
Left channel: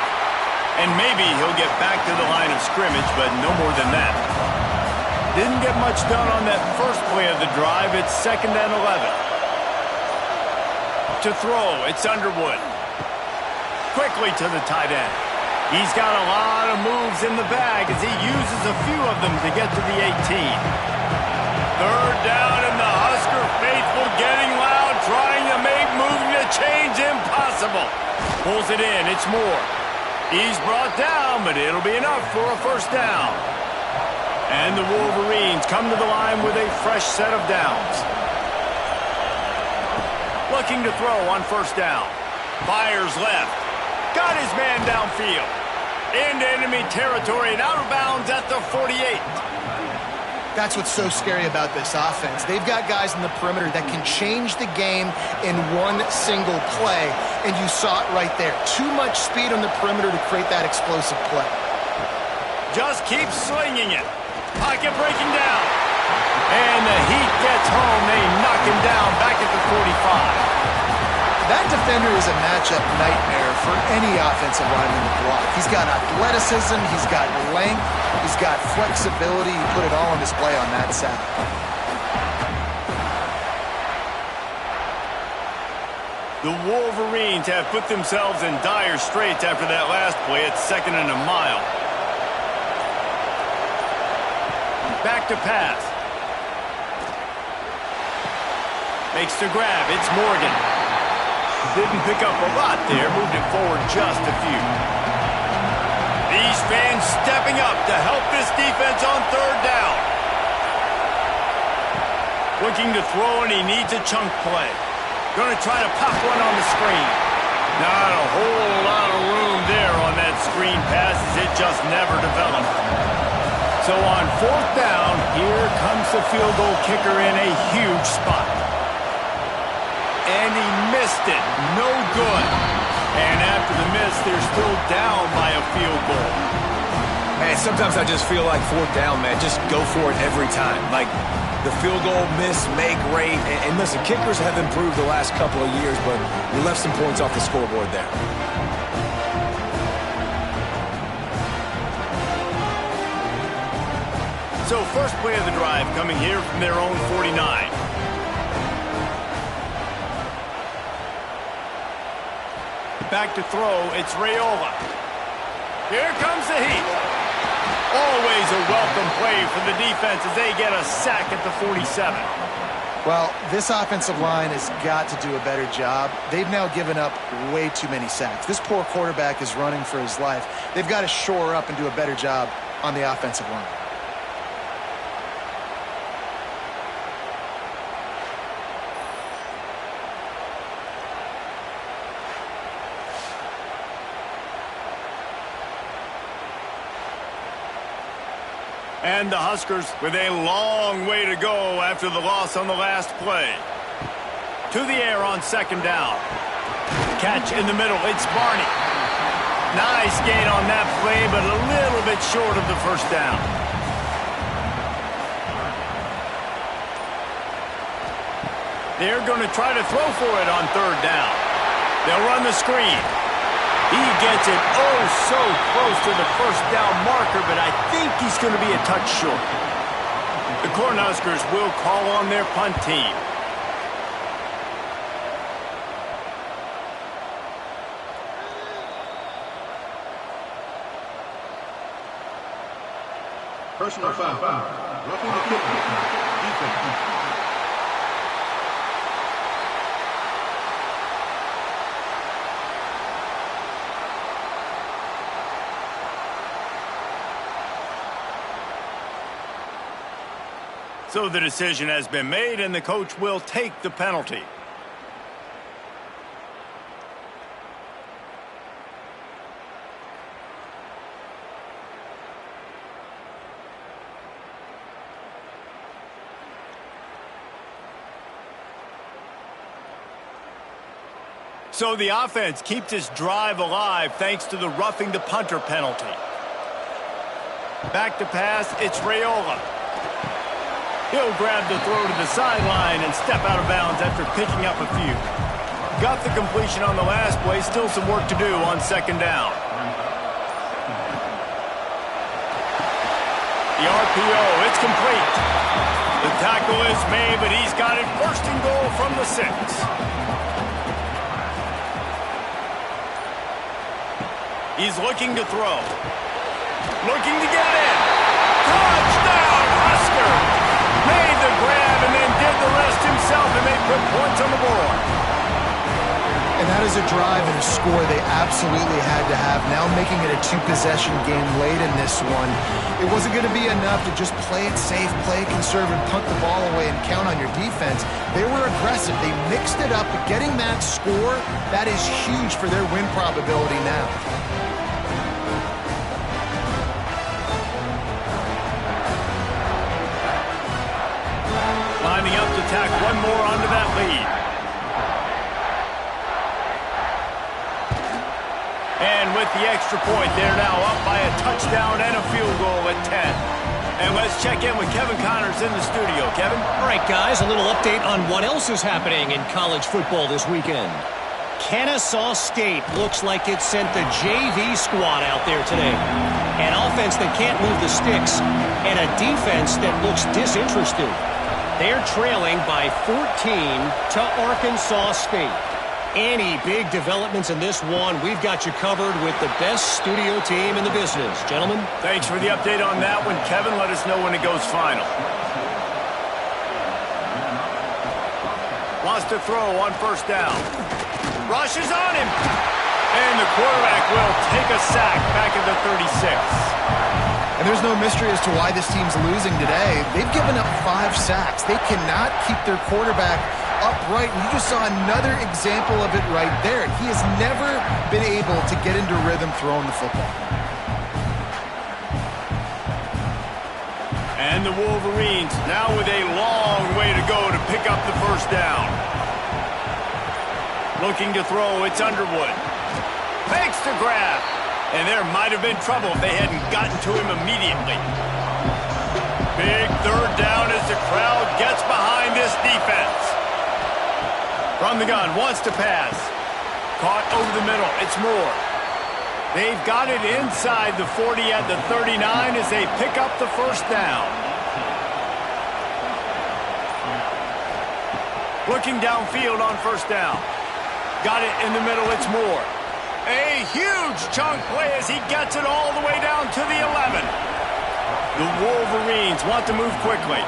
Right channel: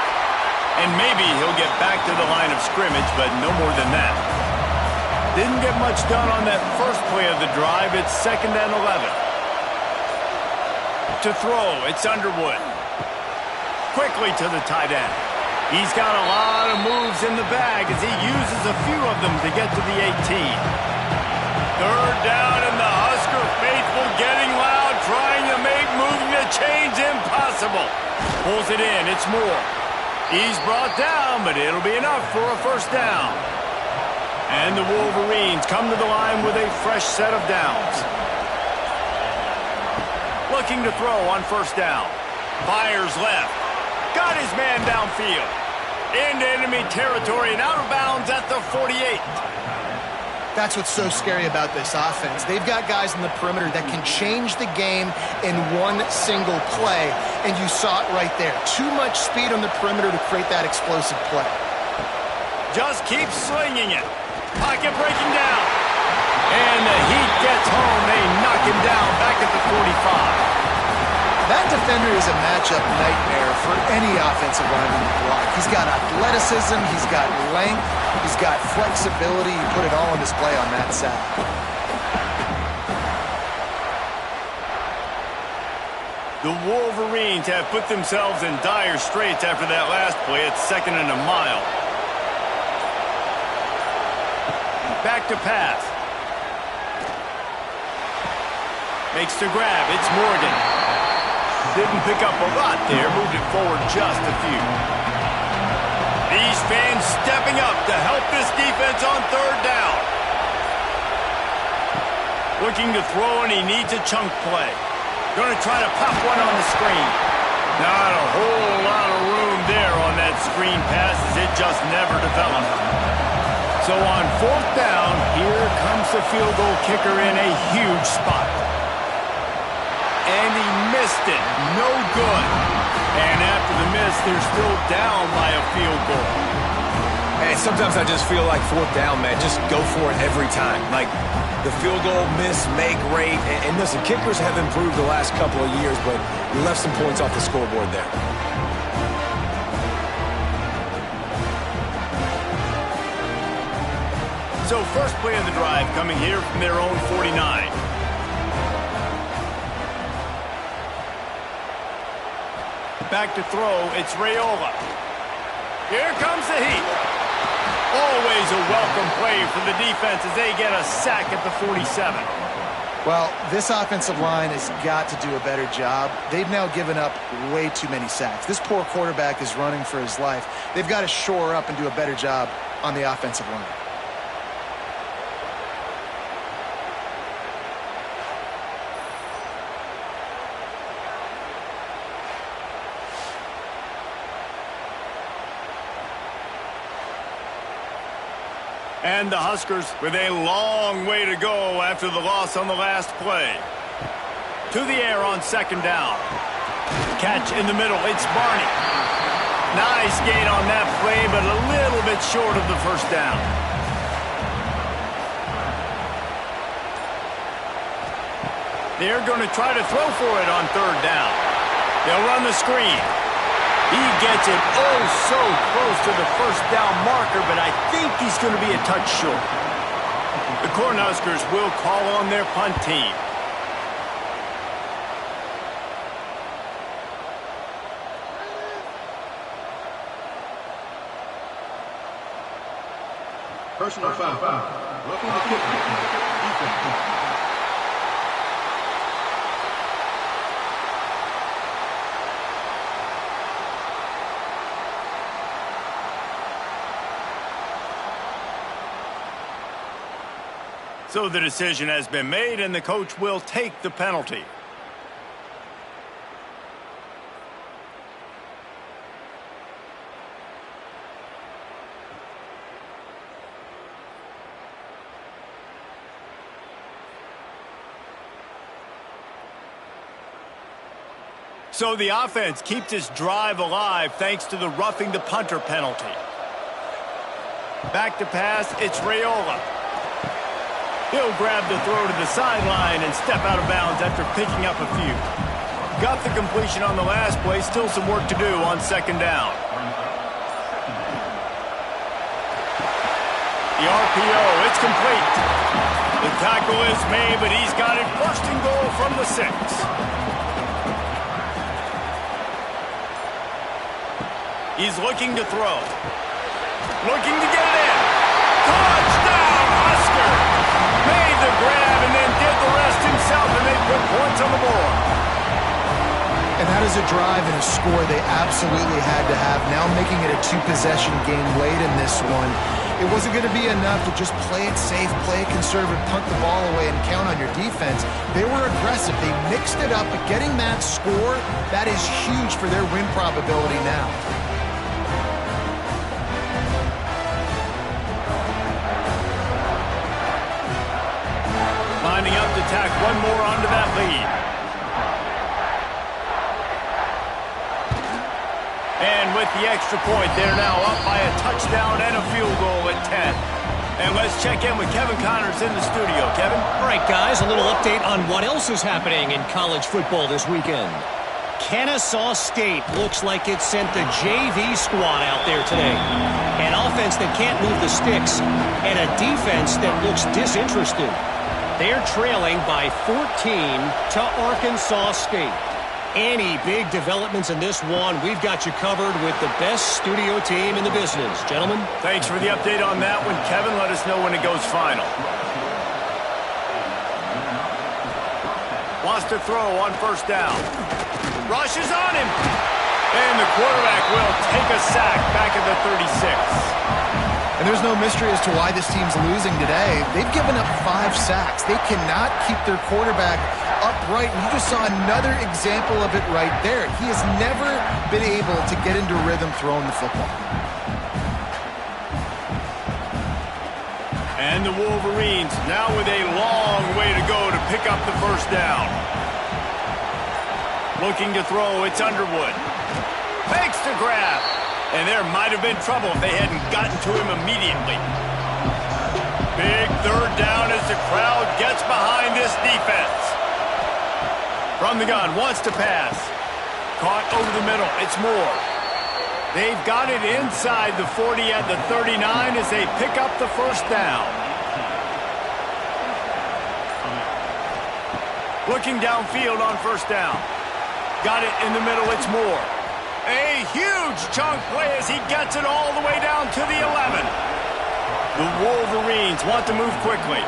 And maybe he'll get back to the line of scrimmage, but no more than that. Didn't get much done on that first play of the drive. It's 2nd and 11. To throw, it's Underwood. Quickly to the tight end. He's got a lot of moves in the bag as he uses a few of them to get to the 18. Third down, and the Husker faithful getting loud, trying to make moving the chains impossible. Pulls it in, it's Moore. He's brought down, but it'll be enough for a first down. And the Wolverines come to the line with a fresh set of downs. Looking to throw on first down. Fires left. Got his man downfield. Into enemy territory and out of bounds at the 48. That's what's so scary about this offense. They've got guys in the perimeter that can change the game in one single play, and you saw it right there. Too much speed on the perimeter to create that explosive play. Just keep slinging it. Pocket breaking down. And the Heat gets home. They knock him down back at the 45. That defender is a matchup nightmare for any offensive lineman to block. He's got athleticism, he's got length, he's got flexibility. He put it all on display on that side. The Wolverines have put themselves in dire straits after that last play. It's 2nd and a mile. Back to pass. Makes the grab. It's Morgan. Didn't pick up a lot there. Moved it forward just a few. These fans stepping up to help this defense on third down. Looking to throw, and he needs a chunk play. Going to try to pop one on the screen. Not a whole lot of room there on that screen pass as it just never developed. So on fourth down, here comes the field goal kicker in a huge spot. And he missed it. No good. And after the miss, they're still down by a field goal. Hey, sometimes I just feel like fourth down, man. Just go for it every time. Like, the field goal miss, make great. And listen, kickers have improved the last couple of years, but we left some points off the scoreboard there. So first play of the drive coming here from their own 49. Back to throw, it's Raiola. Here comes the Heat. Always a welcome play for the defense as they get a sack at the 47. Well, this offensive line has got to do a better job. They've now given up way too many sacks. This poor quarterback is running for his life. They've got to shore up and do a better job on the offensive line. And the Huskers with a long way to go after the loss on the last play. To the air on second down. Catch in the middle. It's Barney. Nice gain on that play, but a little bit short of the first down. They're going to try to throw for it on third down. They'll run the screen. He gets it oh so close to the first down marker, but I think he's going to be a touch short. The Cornhuskers will call on their punt team. Personal foul. Roughing the kicker. Defense. So the decision has been made, and the coach will take the penalty. So the offense keeps this drive alive thanks to the roughing the punter penalty. Back to pass, it's Raiola. He'll grab the throw to the sideline and step out of bounds after picking up a few. Got the completion on the last play, still some work to do on second down. The RPO, it's complete. The tackle is made, but he's got it first and goal from the 6. He's looking to throw. Looking to get it in. Touchdown, Husker! Made the grab and then did the rest himself, and they put points on the board. And that is a drive and a score they absolutely had to have. Now making it a 2-possession game late in this one. It wasn't going to be enough to just play it safe, play it conservative, punt the ball away, and count on your defense. They were aggressive. They mixed it up, but getting that score, that is huge for their win probability now. Lining up to tack one more onto that lead. And with the extra point, they're now up by a touchdown and a field goal at 10. And let's check in with Kevin Connors in the studio. Kevin? All right, guys, a little update on what else is happening in college football this weekend. Kennesaw State looks like it sent the JV squad out there today. An offense that can't move the sticks and a defense that looks disinterested. They're trailing by 14 to Arkansas State. Any big developments in this one, we've got you covered with the best studio team in the business. Gentlemen? Thanks for the update on that one, Kevin. Let us know when it goes final. Wants to throw on first down. Rush is on him. And the quarterback will take a sack back at the 36. And there's no mystery as to why this team's losing today. They've given up 5 sacks. They cannot keep their quarterback upright. And you just saw another example of it right there. He has never been able to get into rhythm throwing the football. And the Wolverines now with a long way to go to pick up the first down. Looking to throw, it's Underwood. Fakes to grab. And there might have been trouble if they hadn't gotten to him immediately. Big third down as the crowd gets behind this defense. From the gun, wants to pass. Caught over the middle, it's Moore. They've got it inside the 40 at the 39 as they pick up the first down. Looking downfield on first down. Got it in the middle, it's Moore. A huge chunk play as he gets it all the way down to the 11. The Wolverines want to move quickly.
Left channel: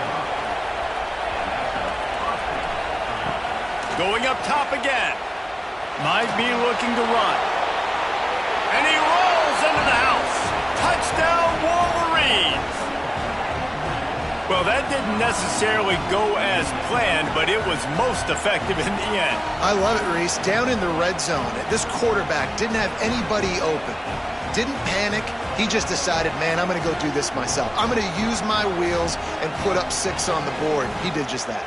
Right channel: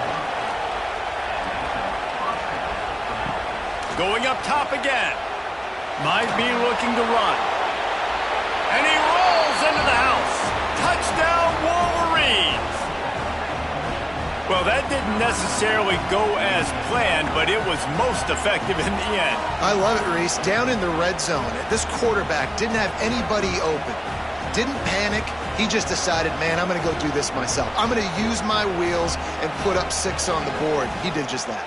Going up top again. Might be looking to run. And he rolls into the house. Touchdown, Wolverines. Well, that didn't necessarily go as planned, but it was most effective in the end. I love it, Reese. Down in the red zone, this quarterback didn't have anybody open. Didn't panic. He just decided, man, I'm going to go do this myself. I'm going to use my wheels and put up 6 on the board. He did just that.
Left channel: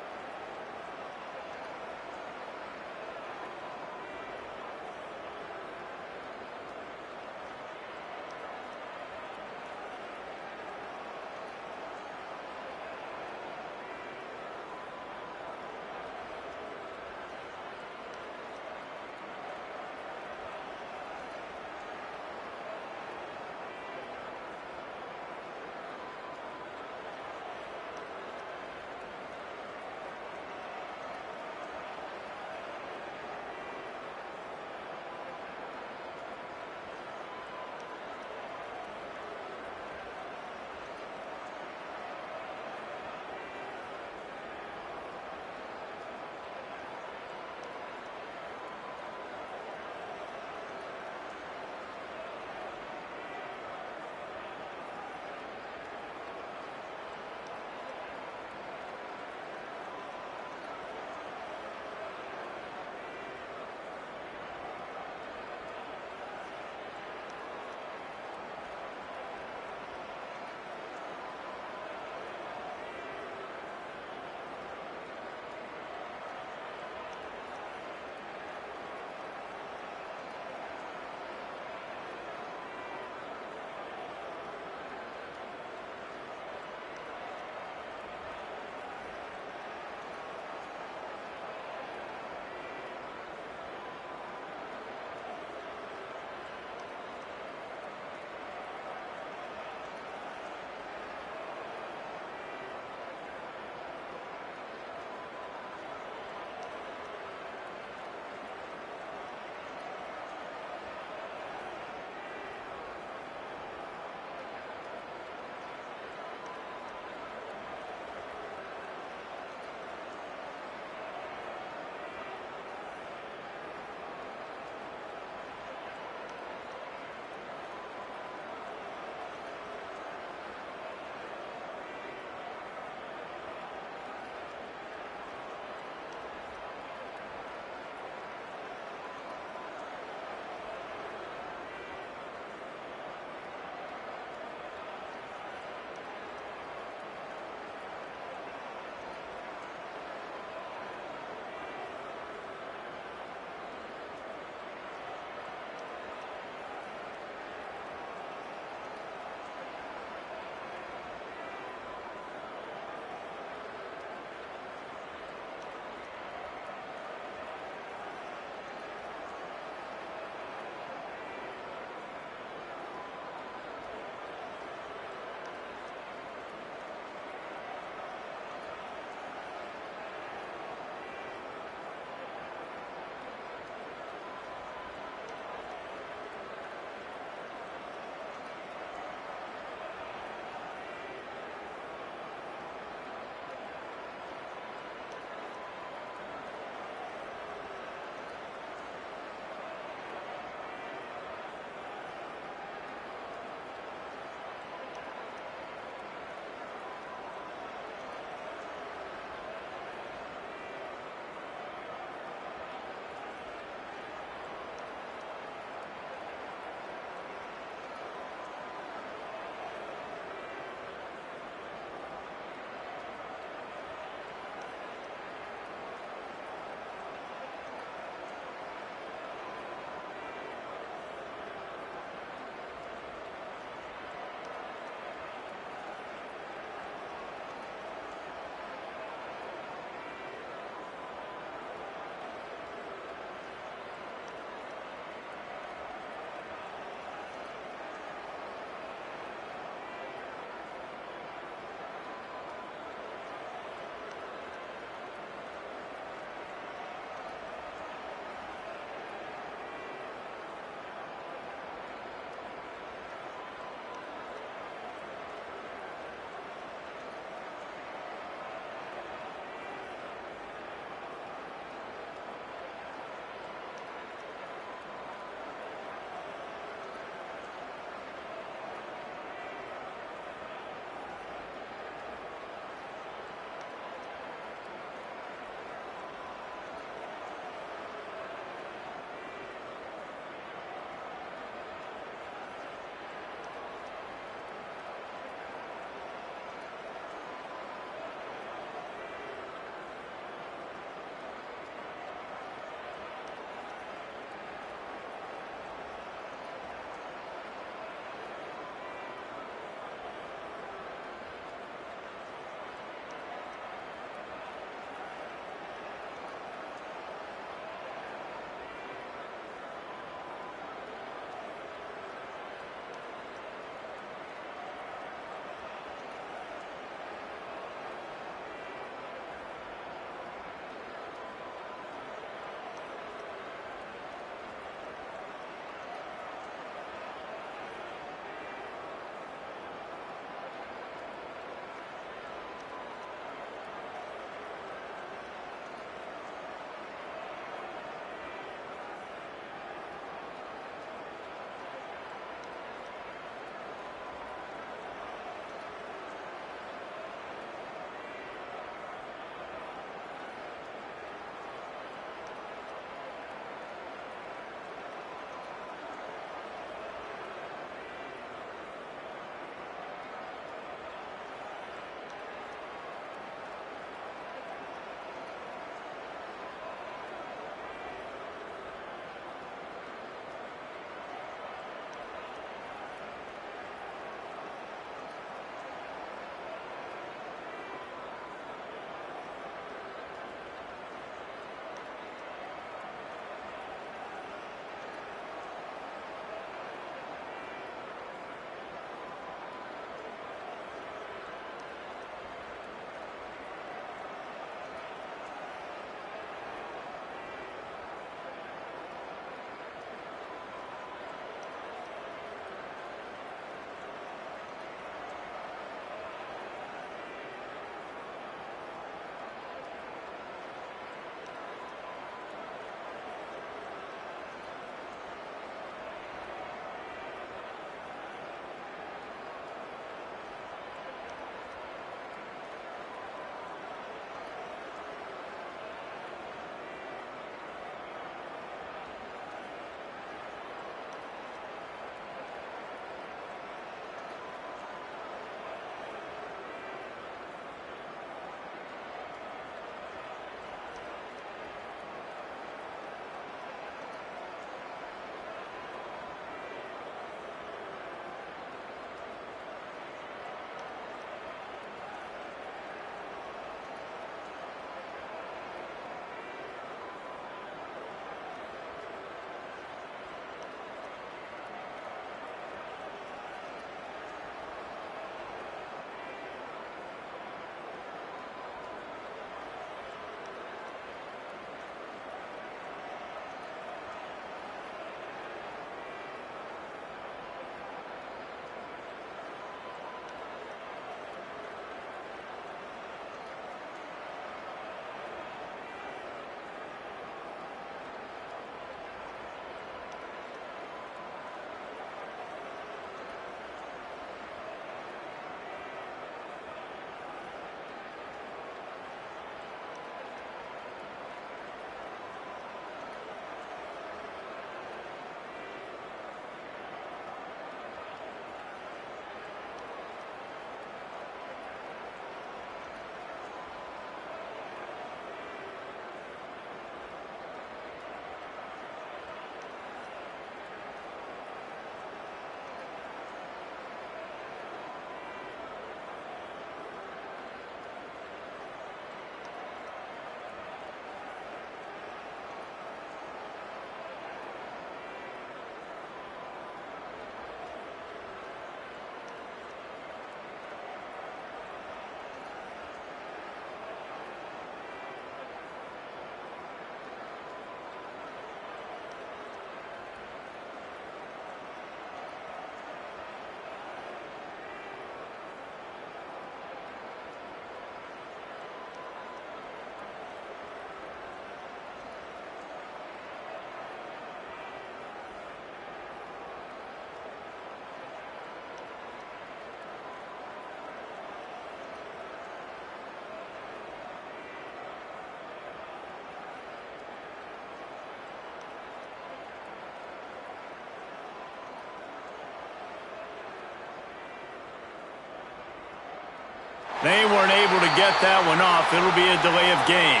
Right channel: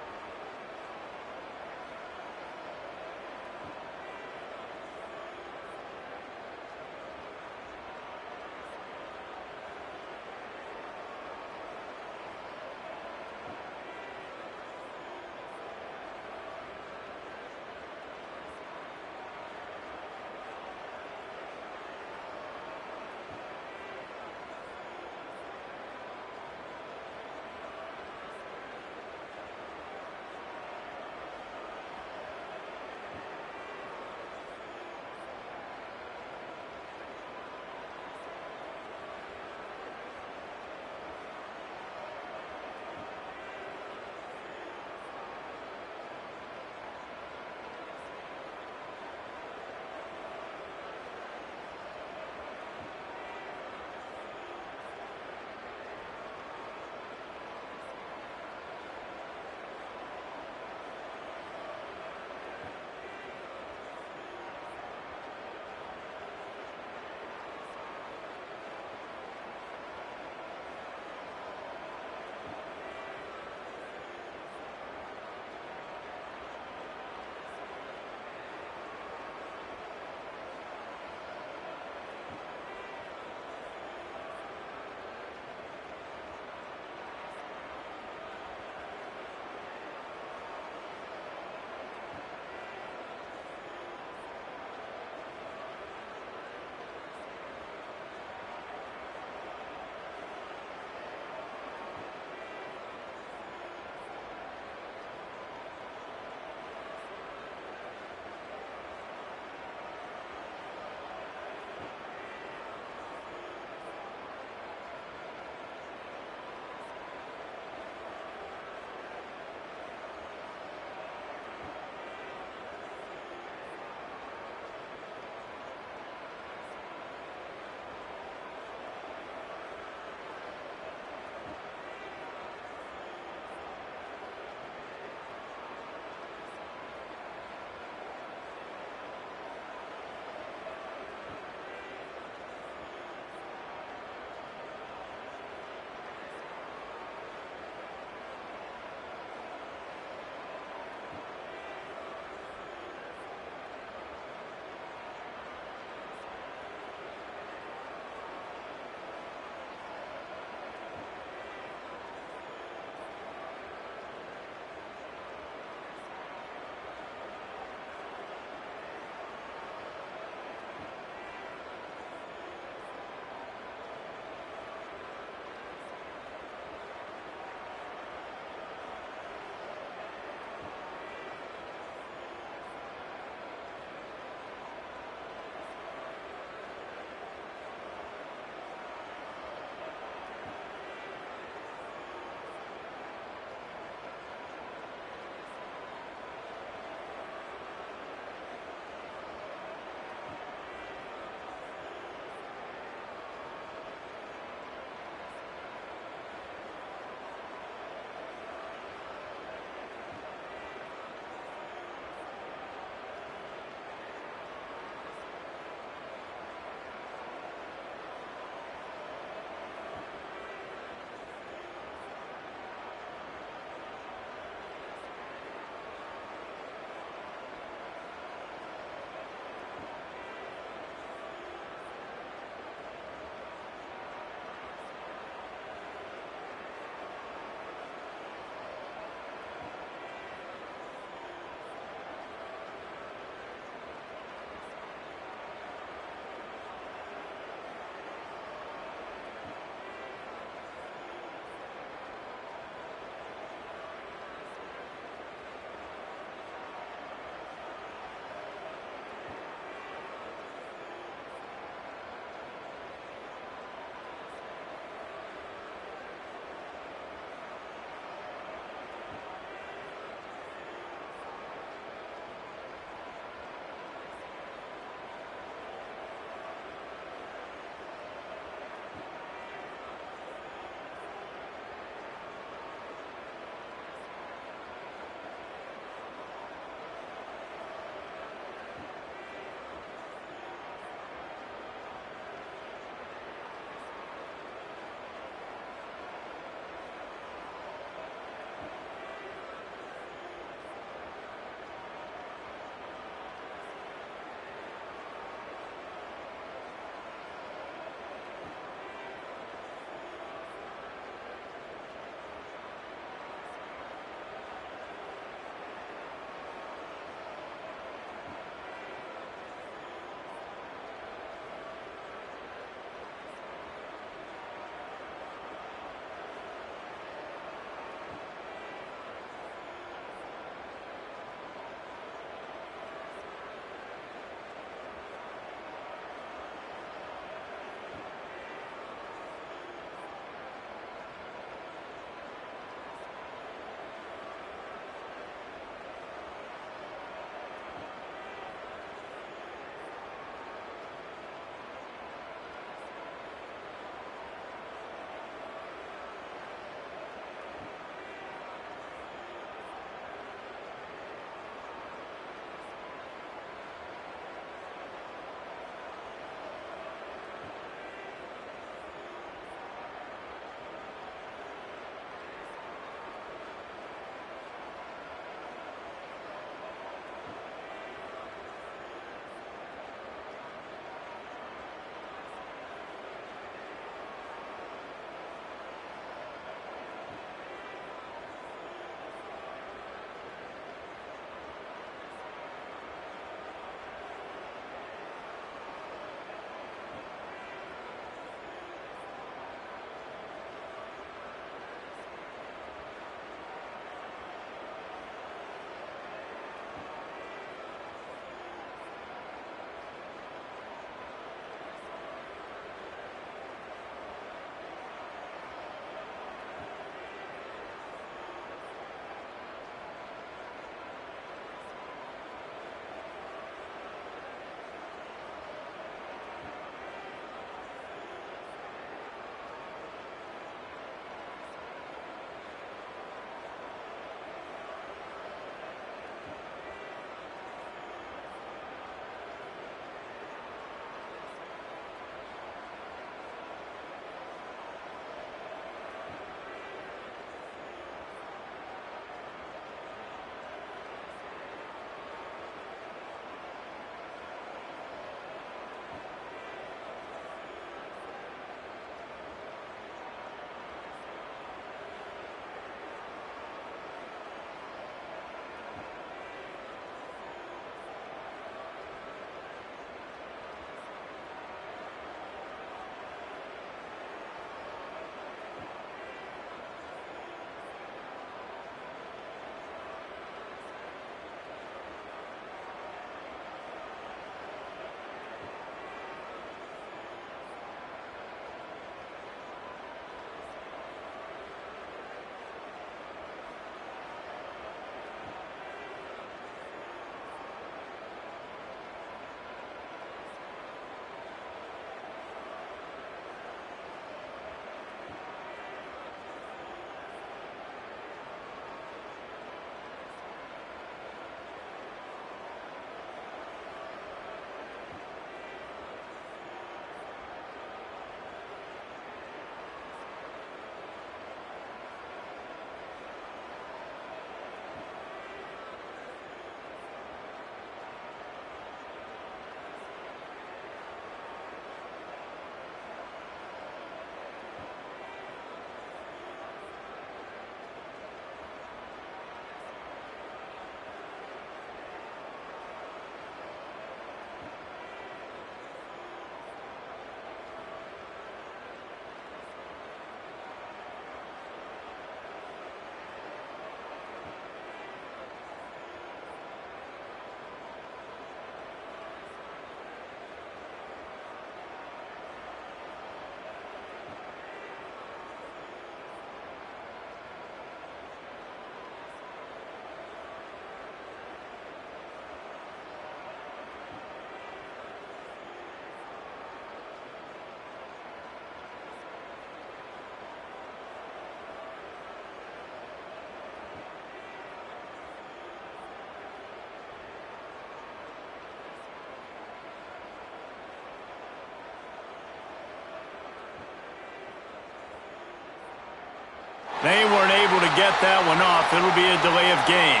They weren't able to get that one off. It'll be a delay of game.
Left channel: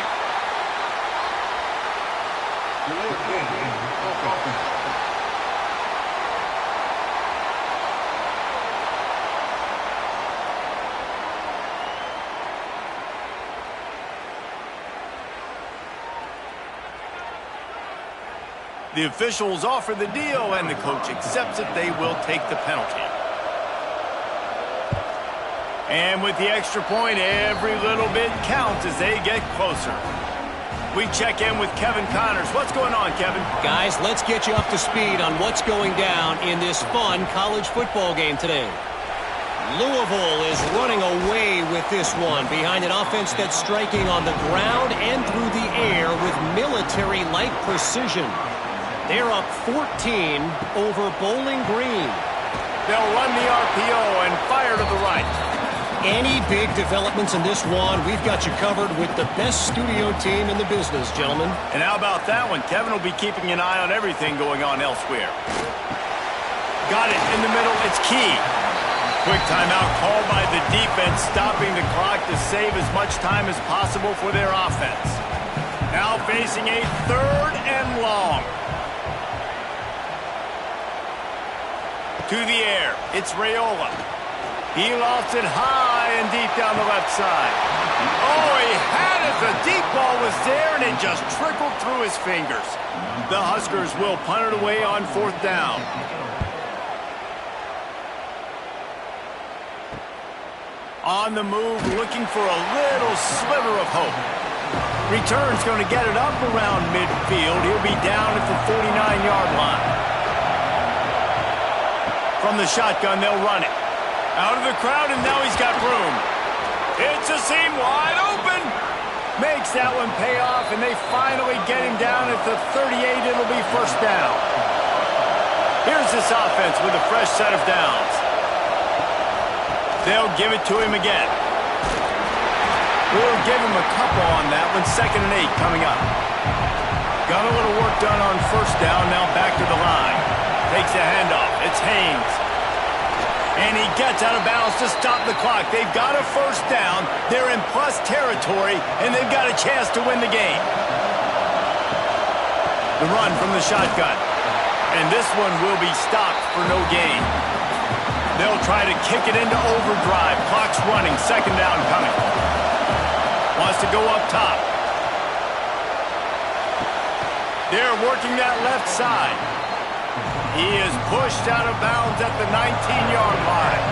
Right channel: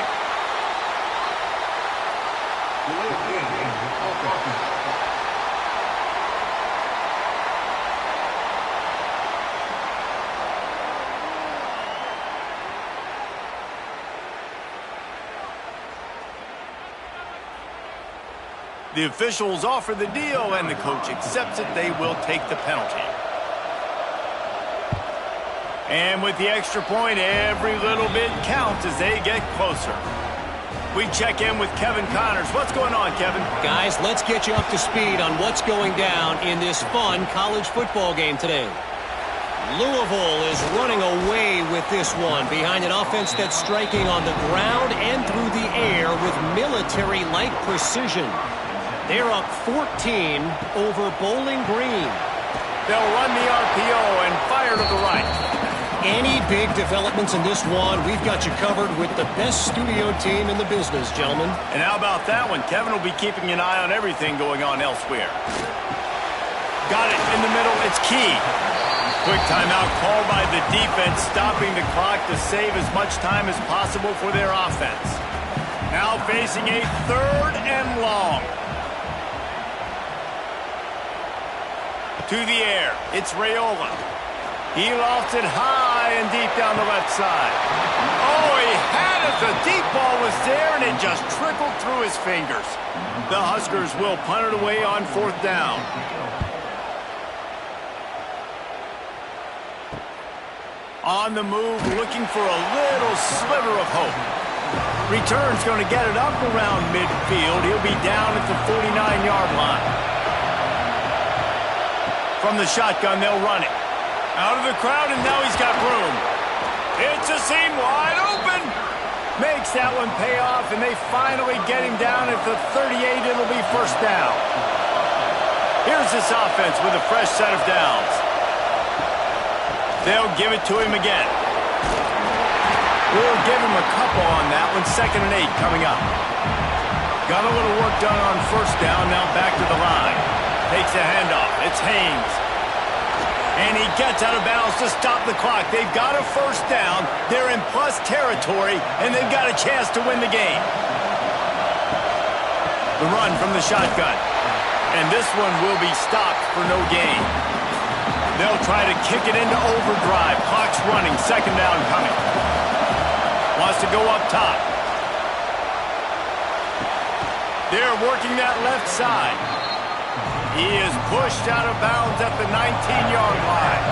Delay of game. Offense. The officials offer the deal, and the coach accepts it. They will take the penalty. And with the extra point, every little bit counts as they get closer. We check in with Kevin Connors. What's going on, Kevin? Guys, let's get you up to speed on what's going down in this fun college football game today. Louisville is running away with this one behind an offense that's striking on the ground and through the air with military-like precision. They're up 14 over Bowling Green. They'll run the RPO and fire to the right. Any big developments in this one, we've got you covered with the best studio team in the business, gentlemen. And how about that one? Kevin will be keeping an eye on everything going on elsewhere. Got it in the middle. It's key. Quick timeout called by the defense, stopping the clock to save as much time as possible for their offense. Now facing a 3rd and long. To the air, it's Raiola. He lofts it high and deep down the left side. Oh, he had it. The deep ball was there, and it just trickled through his fingers. The Huskers will punt it away on 4th down. On the move, looking for a little sliver of hope. Return's going to get it up around midfield. He'll be down at the 49-yard line. From the shotgun, they'll run it. Out of the crowd, and now he's got room. It's a seam wide open. Makes that one pay off, and they finally get him down at the 38. It'll be 1st down. Here's this offense with a fresh set of downs. They'll give it to him again. We'll give him a couple on that one. 2nd and 8 coming up. Got a little work done on 1st down. Now back to the line. Takes a handoff. It's Haynes. And he gets out of bounds to stop the clock. They've got a 1st down. They're in plus territory, and they've got a chance to win the game. The run from the shotgun. And this one will be stopped for no gain. They'll try to kick it into overdrive. Clock's running. 2nd down coming. Wants to go up top. They're working that left side. He is pushed out of bounds at the 19-yard line.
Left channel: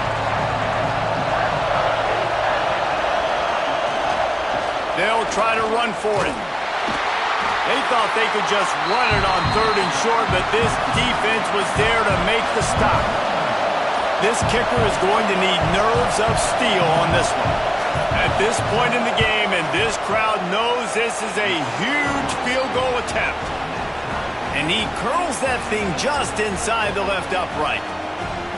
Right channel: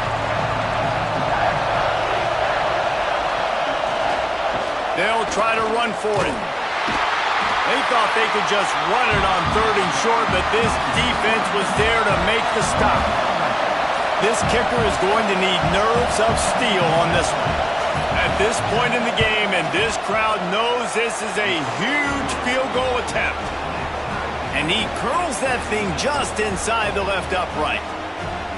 They'll try to run for it. They thought they could just run it on 3rd and short, but this defense was there to make the stop. This kicker is going to need nerves of steel on this one. At this point in the game, and this crowd knows this is a huge field goal attempt. And he curls that thing just inside the left upright.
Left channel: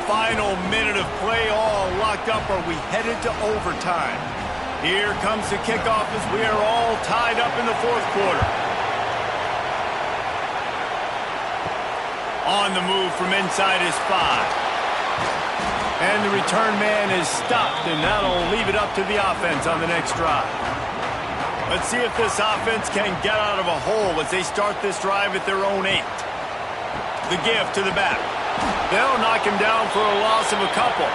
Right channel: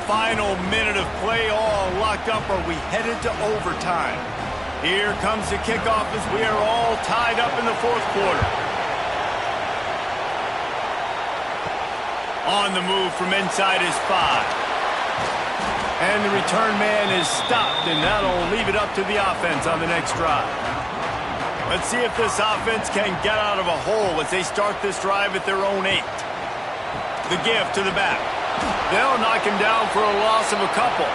Final minute of play, all locked up. Are we headed to overtime? Here comes the kickoff as we are all tied up in the 4th quarter. On the move from inside his 5. And the return man is stopped, and that'll leave it up to the offense on the next drive. Let's see if this offense can get out of a hole as they start this drive at their own 8. The give to the back. They'll knock him down for a loss of a couple.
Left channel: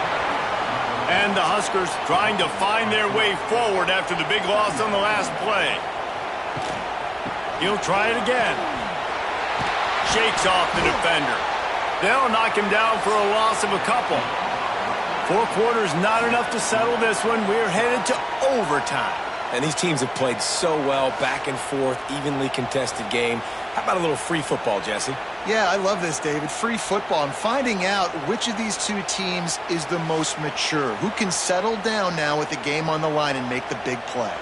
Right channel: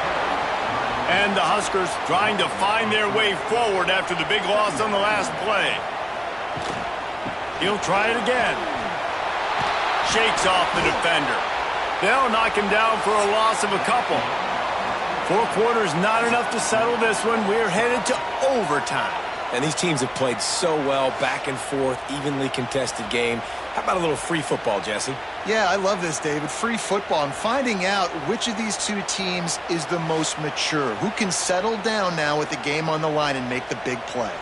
And the Huskers trying to find their way forward after the big loss on the last play. He'll try it again. Shakes off the defender. They'll knock him down for a loss of a couple. 4 quarters, not enough to settle this one. We're headed to overtime. And these teams have played so well, back and forth, evenly contested game. How about a little free football, Jesse? Yeah, I love this, David. Free football. I'm finding out which of these two teams is the most mature. Who can settle down now with the game on the line and make the big play?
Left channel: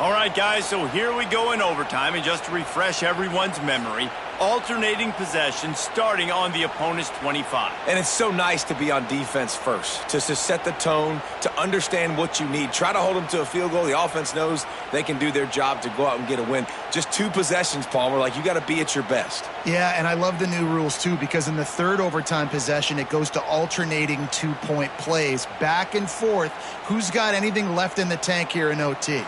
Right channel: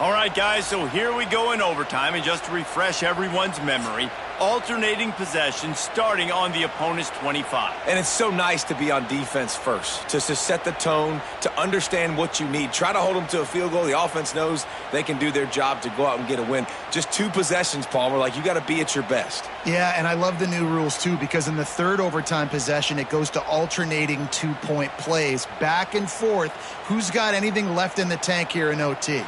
All right, guys, so here we go in overtime, and just to refresh everyone's memory, alternating possession starting on the opponent's 25. And it's so nice to be on defense first, to set the tone, to understand what you need. Try to hold them to a field goal. The offense knows they can do their job to go out and get a win. Just 2 possessions, Palmer. Like, you got to be at your best. Yeah, and I love the new rules, too, because in the third overtime possession, it goes to alternating 2-point plays, back and forth. Who's got anything left in the tank here in OT?